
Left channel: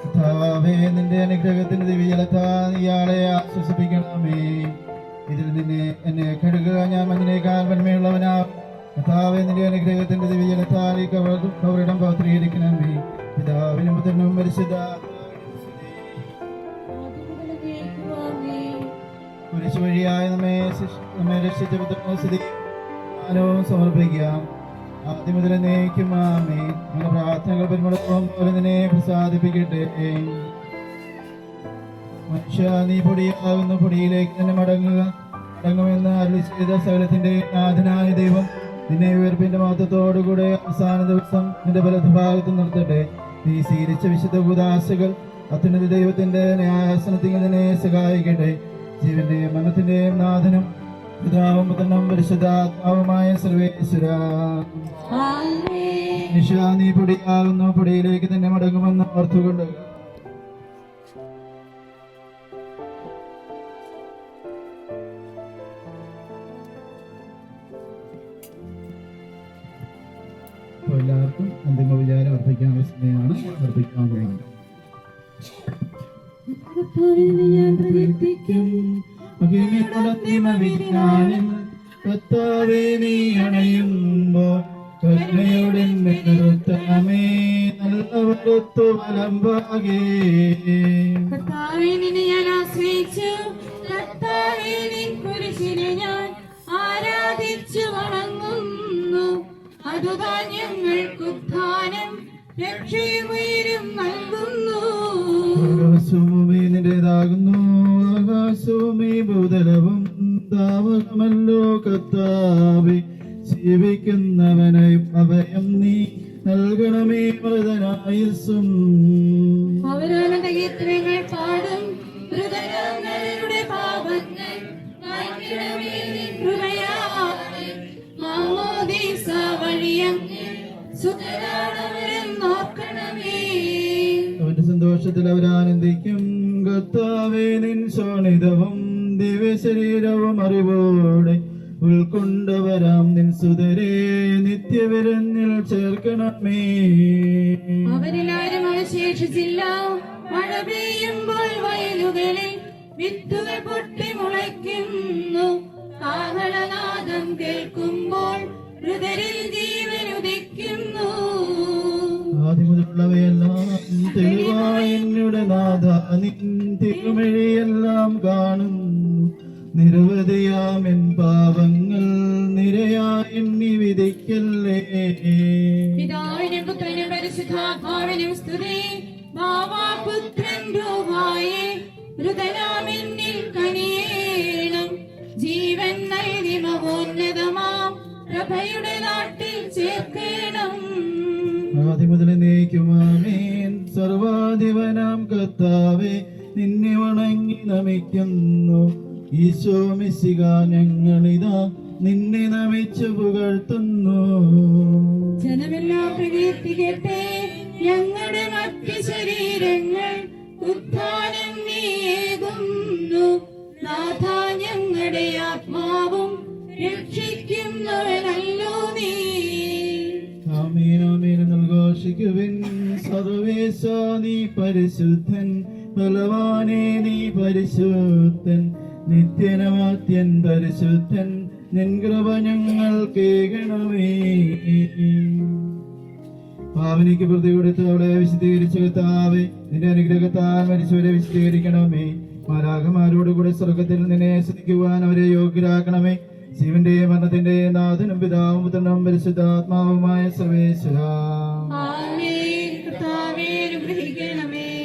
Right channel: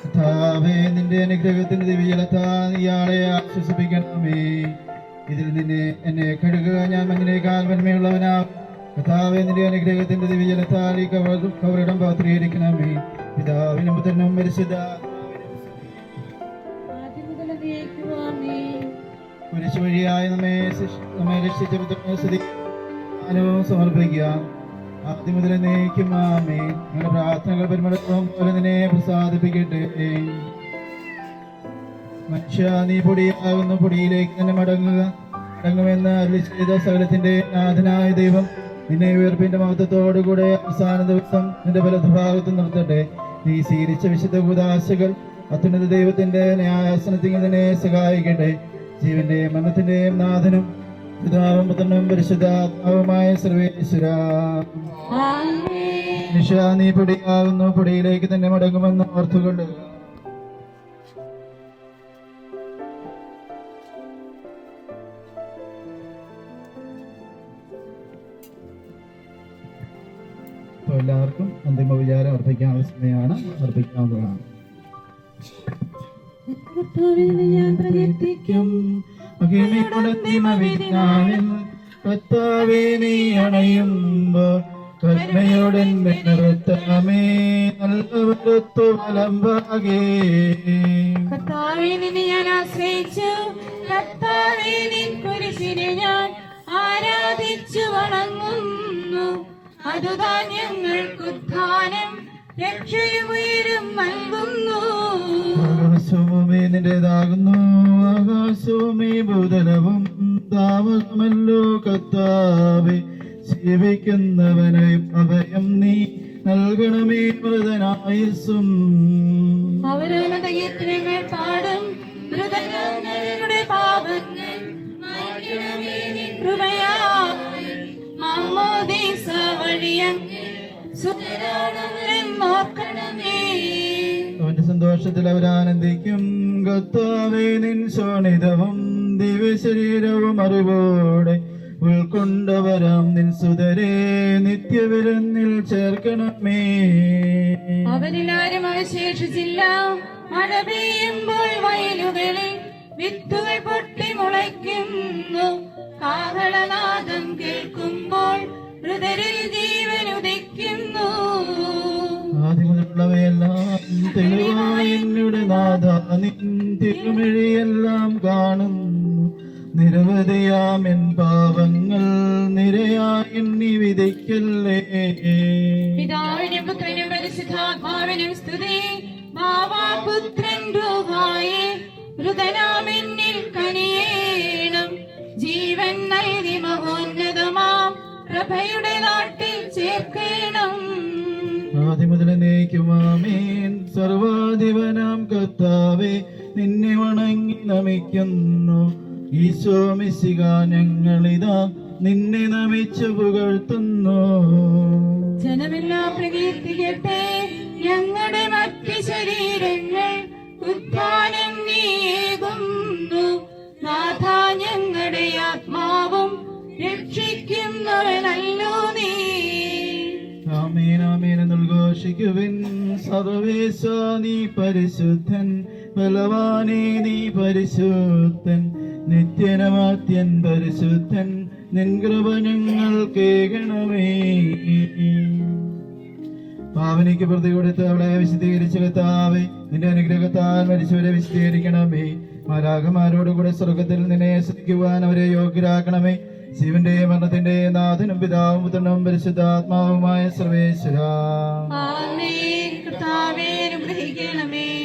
കർത്താവേ, നിന്റെ അനുഗ്രഹത്തിന്റെ ദിവ്യജലത്താൽ ഇയാളെ ആശ്വസിപ്പിക്കണമേ. ഇതിൽ നിന്നെ എന്നെ കഴുകുക, ഞാൻ മഞ്ഞിനേക്കാൾ വന്മയുള്ളവനാകും. കർത്താവേ, നിന്റെ അനുഗ്രഹത്തിന്റെ ദിവ്യജലത്താൽ ഈ കവറിടം പവിത്രീകരിക്കണമേ. പിതാവിനും പുത്രനും കുരിശ് വഴിയായി നമ്മെ രക്ഷിച്ച പുത്രനെ സ്തുതിയും സമർപ്പിക്കാം. ആദ്യം മുതൽ എന്നേക്കും ആമേൻ. ഞങ്ങളുടെ പ്രാർത്ഥനകൾ പരിമളത്തോളം പോലെ നിന്നെ പ്രസാദിപ്പിക്കട്ടെ. മനുഷ്യ, നീ പൊടിയാകുന്ന പൊടിയിലേക്ക് തന്നെ മടങ്ങുമെന്ന് അരുളി ചെയ്ത സകലത്തിന്റെ നാഥനായ ദൈവം നിന്നെ ഉയർപ്പിന്റെ മഹത്വത്തോടുകൂടെ അവസാന ദിവസം നിന്റെ വലതുഭാഗത്ത് നിർത്തട്ടെ. നീ സ്വീകരിച്ച വിശുദ്ധ കൂദാശകൾ അത്യുന്നത ദൈവത്തിന്റെ ന്യായാസനത്തിൽ നിന്നെ സഹായിക്കട്ടെ. ജീവന്റെയും മരണത്തിന്റെയും നാഥനും പിതാവും പുത്രനും പരിശുദ്ധാത്മാവുമായ സർവേശ്വര, മനുഷ്യ, നീ പൊടിയാകുന്നു പൊടിയിലേക്ക് തന്നെ മടങ്ങുമെന്ന് ഓർത്തുകൊണ്ട് എല്ലാവർക്കും അന്തിമ വിചാരം അർപ്പിക്കാനുള്ള സമയമാണ്. അർപ്പിക്കാവുന്നതാണ്. ഞാൻ പ്രകീർത്തിക്കും കർത്താവേ, നീ അണയുമ്പോൾ കരുണയോടെ നിർത്തമേ, നല്ലവരത്തു വലമ്പാകേ. കർത്താവേ, നിന്നെ ഞാൻ ആശ്രയിച്ചു. കർത്താവേ, നിൻ കുരിശിനെ ഞാൻ ആരാധിച്ചു വണങ്ങുന്നു. അതുതാൻ ഞങ്ങൾക്ക് ഉദ്ധാനം രക്ഷയും ഉയരും നൽകുന്നു. ആകാശഭൂമി നിന്റേതാകുന്നു, ആകാശവും ഈ ഭൂതലവും താവകമല്ലോ. കർത്താവേ, ജീവിക്കുന്നവനായി അഭയം നീ നൽകണമേ. മൃതനായുസ്സും അവരവരുടെ കീർത്തനങ്ങൾ പാടും. മൃതരുടെ പാപങ്ങൾ മായ്ക്കണമേ നിൻ കൃപയാൽ. മാമോദീസ വഴിയങ്ങ് സുതരാണവരെന്ന് നോക്കണമേ. അവന്റെ സന്തോഷത്തിൽ അവരാനന്ദിക്കും. കർത്താവേ, നിൻ ശോണിതവും ദിവ്യശരീരവും അറിവോടെ ഉൾക്കൊണ്ടവരാം നിൻ സുതരെ നിത്യവിരുന്നിൽ ചേർക്കണമേ. അവരിലാരും അവശേഷിച്ചില്ല. മഴ പെയ്യുമ്പോൾ വയലുകളിൽ വിത്തുകൾ പൊട്ടി മുളയ്ക്കുന്നു. കാഹളനാദം കേൾക്കുമ്പോൾ മൃതരിൽ ജീവൻ ഉദിക്കുന്നു. ആദ്യമുള്ളവയെല്ലാം തെളിവായി എന്നുടെ നാഥ, നിൻ തിരുമിഴിയെല്ലാം കാണുന്നു. നിരവധിയാമെൻ പാപങ്ങൾ നിരയായി എണ്ണി വിധിക്കല്ലേ. പിതാവിനും പുത്രനും പരിശുദ്ധാത്മാവിനും സ്തുതി. ഭാവാപുത്രൻ രൂപായേ മൃതനാമെന്നിൽ കനിയേണം. ജീവൻ നൽകി മഹോന്നതമാം പ്രഭയുടെ നാട്ടിൽ ചേർക്കണം. ആദ്യമുതൽ എന്നേക്കുമാമേൻ. സർവാധിപനാം കർത്താവേ, നിന്നെ വണങ്ങി നമിക്കുന്നു. ഈശോ മിശിഹാ, ഞങ്ങളിതാ നിന്നെ നമിച്ചു പുകഴ്ത്തുന്നു. ജനമെല്ലാം പ്രകീർത്തിക്കട്ടെ ഞങ്ങളുടെ മറ്റ് ശരീരങ്ങൾ ഉത്ഥാനം നീയേകുന്നു. നാഥ ഞങ്ങളുടെ ആത്മാവും രക്ഷിക്കുന്നവനല്ലോ നീ. ആമേൻ ആമേൻ എന്നുദ്ഘോഷിക്കുവിൻ. സർവേശ നീ പരിശുദ്ധൻ, ബലവാനേ നീ പരിശുദ്ധൻ, നിത്യനമാത്യൻ പരിശുദ്ധൻ, നിൻ കൃപ ഞങ്ങൾ കേൾക്കണമേ. പാവനിക്ക് പ്രതി കൊടുത്ത് അവളെ വിശദീകരിച്ചു കർത്താവേ, നിന്റെ അനുഗ്രഹത്താൽ മരിച്ചവരെ വിശദീകരിക്കണമേ. മാലാഖമാരോട് കൂടെ സ്വർഗത്തിൽ നിന്നെ ശ്രദ്ധിക്കുവാൻ അവരെ യോഗ്യരാക്കണമേ. ശിവന്റെ മരണത്തിന്റെ നാഥനും പിതാവും പുത്രനും പരിശുദ്ധാത്മാവുമായ സർവേശ്വരാ,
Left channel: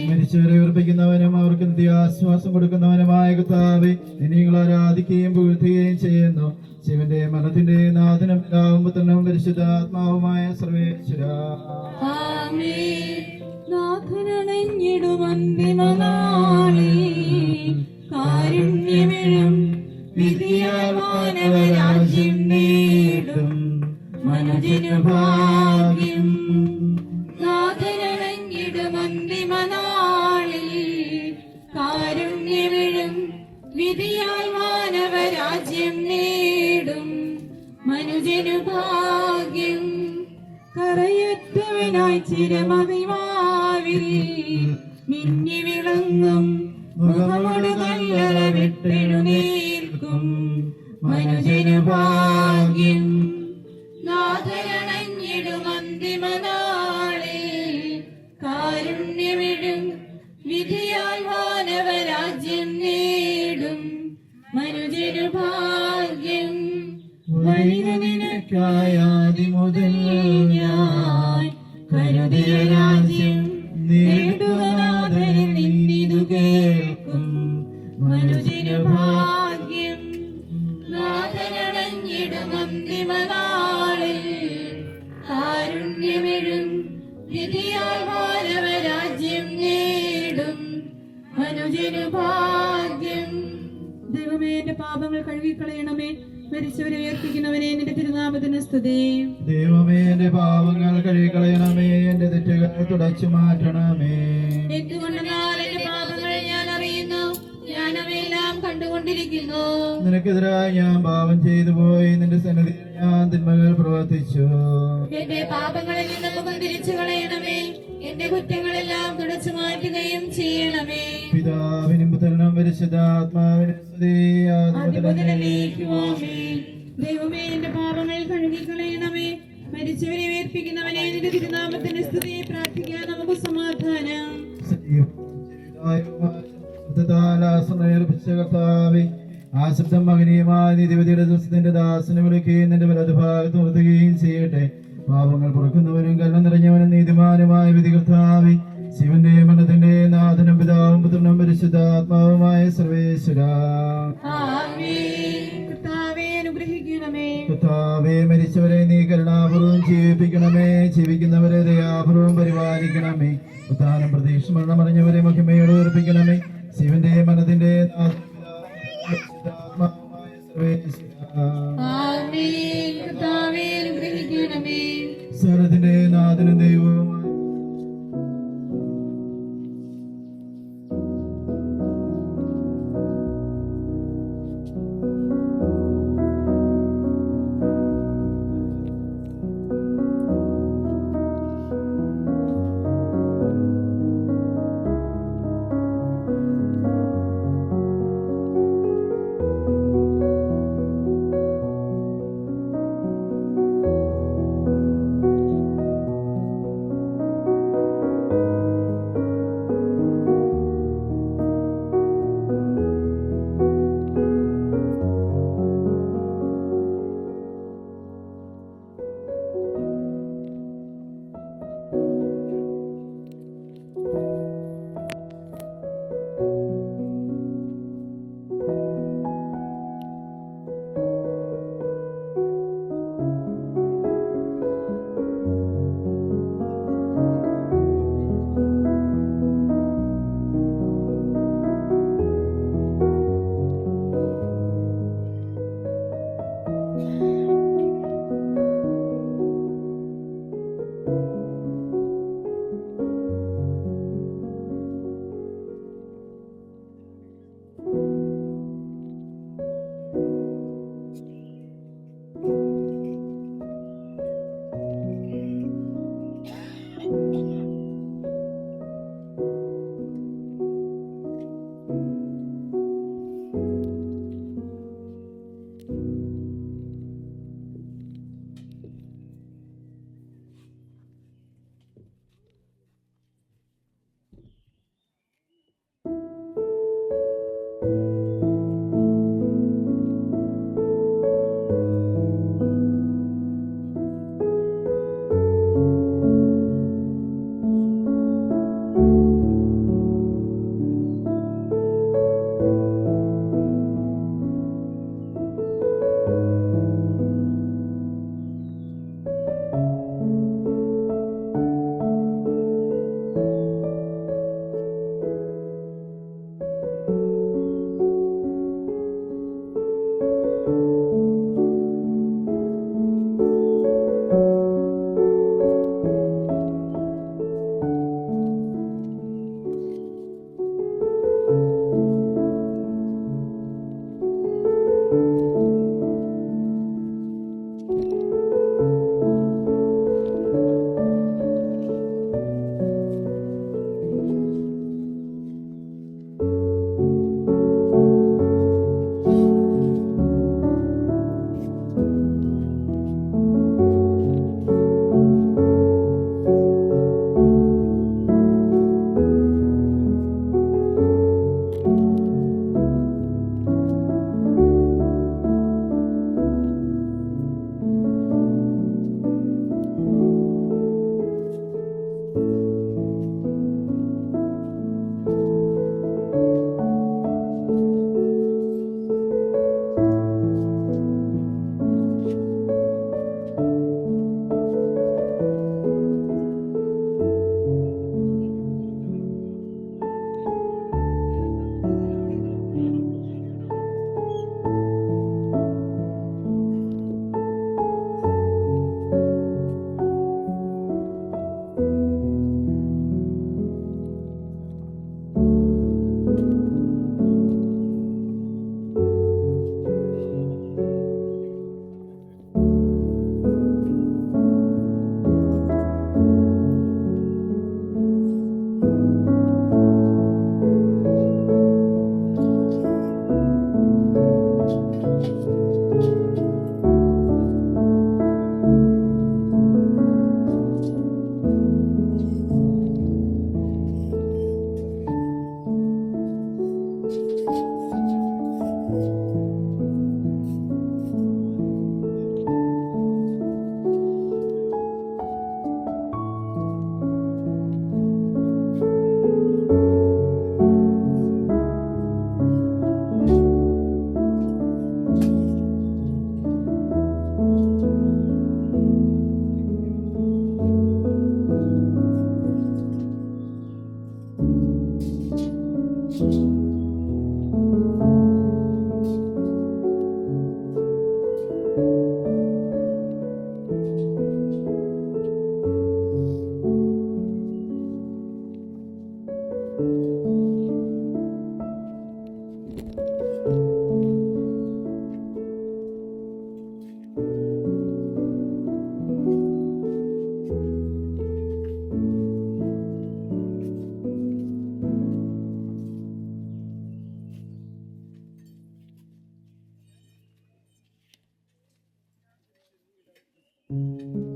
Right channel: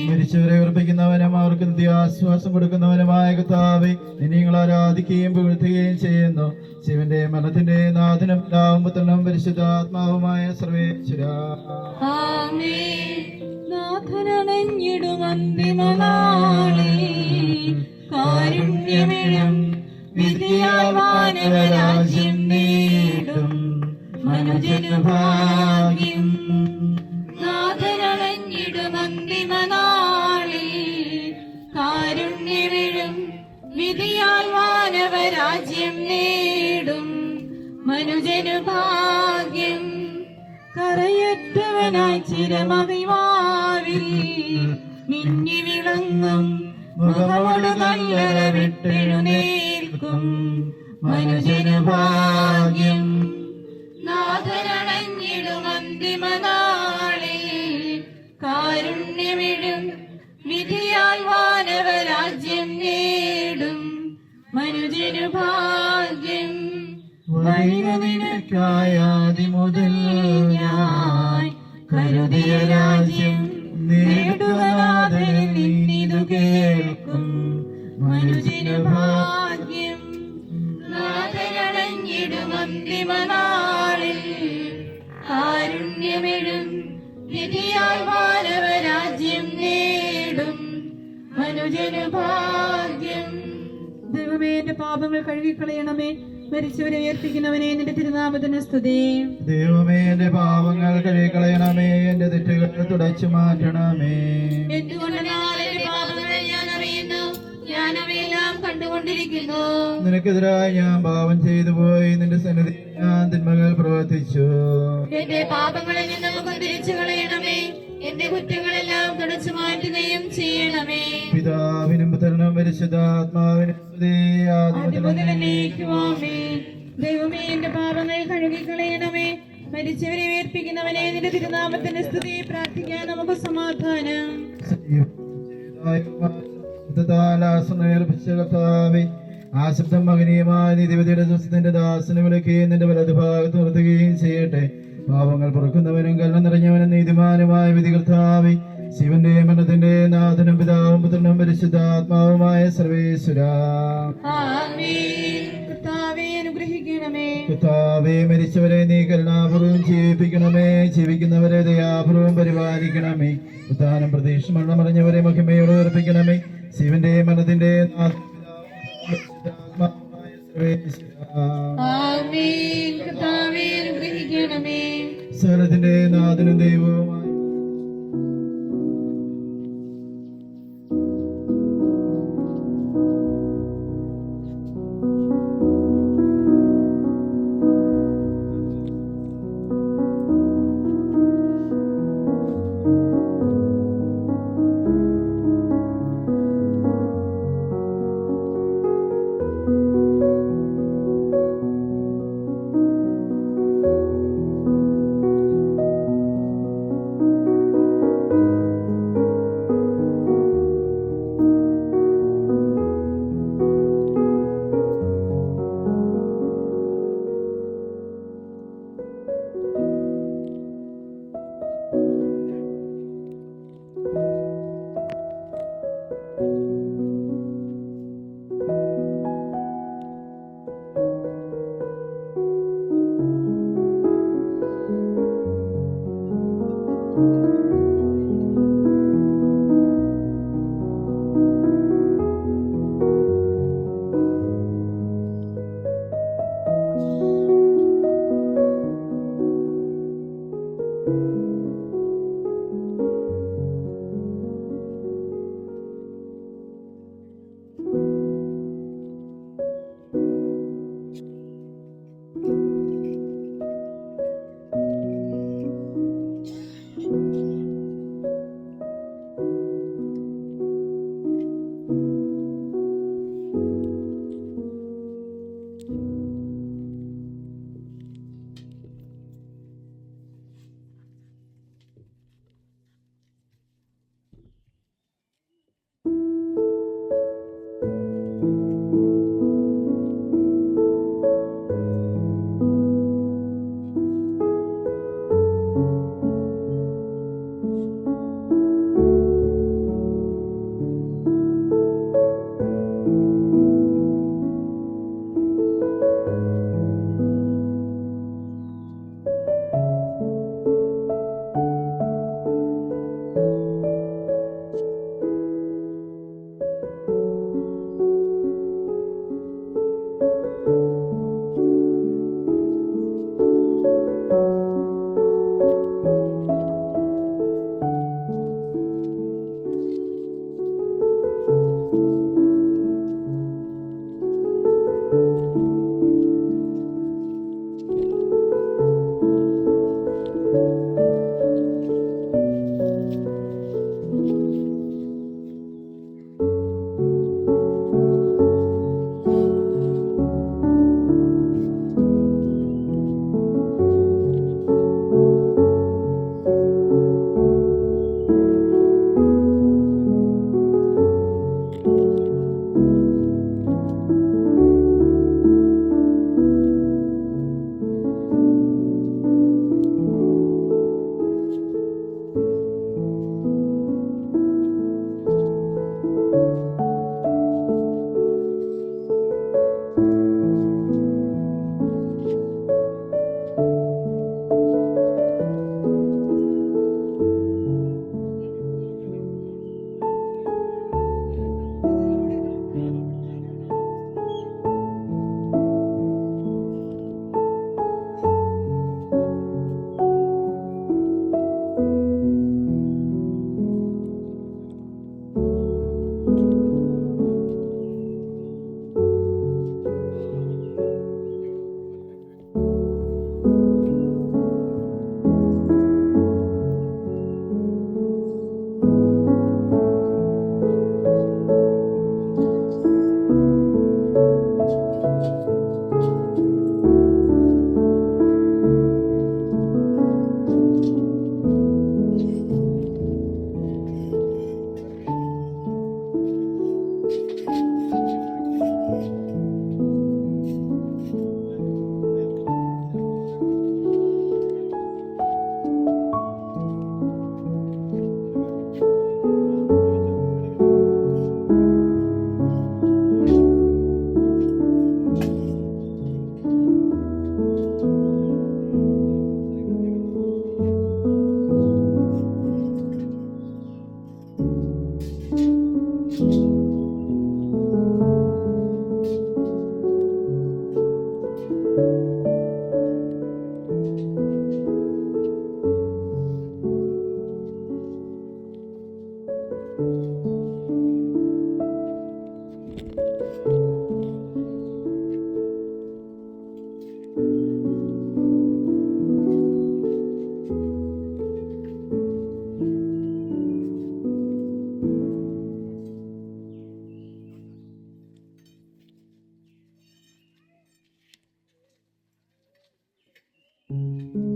മരിച്ചവരെ ഉറപ്പിക്കുന്നവനും അവർക്ക് നിത്യാശ്വാസം കൊടുക്കുന്നവനുമായ കർത്താവേ, നിന്നെ ഞങ്ങൾ ആരാധിക്കുകയും പുകഴ്ത്തുകയും ചെയ്യുന്നു. ശിവന്റെ മരണത്തിന്റെ നാഥനും പിതാവും പുത്രനും പരിശുദ്ധാത്മാവുമായ സർവേശ്വരാ, കാരുണ്യമെഴും വിധിയാൽ വാനവരാജ്യം നേടും മനുജനു ഭാഗ്യം. നാഥനണഞ്ഞിടും അന്തിമനാളിൽ കാരുണ്യമെഴും വിധിയാൽ വാനവരാജ്യം നേടും മനുജനു ഭാഗ്യം. കറയറ്റവനായി ചിരമറിവാവിൽ മിന്നി വിളങ്ങും മുഖമോട് നല്ലറ വിട്ടെഴുന്നേൽക്കും മനുജനു ഭാഗ്യം. നാഥനണഞ്ഞിടും അന്തിമനാളിൽ കാരുണ്യമിടും വിധിയാൽ വാനവരാജ്യം നേടും മനുജനു ഭാഗ്യം. വഴിക നിനക്കായാതി മുതൽ ഞാൻ കരുതിയ രാജ്യം നേടുവാനാഥനിൽ നിന്നിതു കേൾക്കും മനുജനു ഭാഗ്യം. നാഥനണഞ്ഞിടും അന്തിമനാളിൽ കാരുണ്യമിടും വിധിയാൽ വാനവരാജ്യം നേടും മനുജനു ഭാഗ്യം. ദൈവമേ, എന്റെ പാപങ്ങൾ കഴുകിക്കളയണമേ. മരിച്ചവരെ ഉയർപ്പിക്കുന്നവനെ, നിന്റെ തിരുനാമത്തിന് സ്തുതി. ദൈവമേ, എന്റെ പാപങ്ങൾ കഴുകിക്കളയണമേ, എന്റെ തെറ്റുകൾ തുടച്ചു മാറ്റണമേ. എന്തുകൊണ്ടെന്നാൽ എന്റെ പാപങ്ങൾ ഞാൻ അറിയുന്നു, ഞാൻ അവയെല്ലാം കണ്ടുകൊണ്ടിരിക്കുന്നു. നിനക്കെതിരായി ഞാൻ പാപം ചെയ്തു പോയി, നിന്റെ സന്നിധിയിൽ ഞാൻ തിന്മകൾ പ്രവർത്തിച്ചു. എന്റെ പാപങ്ങളിൽ നിന്ന് മുഖം തിരിച്ചു കളയണമേ, എന്റെ കുറ്റങ്ങളെല്ലാം തുടച്ചു മാറ്റുകയും ചെയ്യണമേ. പിതാവിനും പുത്രനും പരിശുദ്ധാത്മാവിനും സ്തുതി, ആദിമുതൽ ആദിമുതലേക്കും ആമേൻ. ദൈവമേ, എന്റെ പാപങ്ങൾ കഴുകിക്കളയണമേ. മരിച്ചവരെ ഉയർപ്പിക്കുന്നവനെ, നിന്റെ തിരുനാമത്തിന്റെ സ്തുതി. പ്രാർത്ഥിക്കാൻ നമുക്ക് സമാധാനം. കർത്താവേ, ആ ശബ്ദം മകനീയമായ നീതിപതിയുടെ ദിവസത്തിന്റെ ദാസനെ വിളിക്കുകയും നിന്റെ വലതു ഭാഗത്ത് നിർത്തുകയും ചെയ്യട്ടെ. പാപങ്ങൾ പുറക്കുന്നവനും കരുണ നിറഞ്ഞവനും നീതിമാനുമായ വിധി കർത്താവേ, ശിവന്റെ മരണത്തിന്റെ നാഥനും പിതാവും പുത്രനും പരിശുദ്ധാത്മാവുമായ സർവേശ്വരാ, കർത്താവേ അനുഗ്രഹിക്കണമേ. കർത്താവേ, മരിച്ചവരെ നീ കരുണാപൂർവം ജീവിപ്പിക്കണമേ, ജീവിക്കുന്നവരെ ദയാപൂർവം പരിപാലിക്കണമേ. ഉദ്ധാനം പ്രതീക്ഷ മരണമറിഞ്ഞവരെ മഹിമയോട് ഉറപ്പിക്കണമേ. ശിവന്റെ മരണത്തിന്റെ നാഥനും പരിശുദ്ധാത്മാവുമായ സർവേശ്വരാ, കർത്താവേ അനുഗ്രഹിക്കണമേ. സകലത്തിന്റെ നാഥനും ദൈവവുമായ Thank you.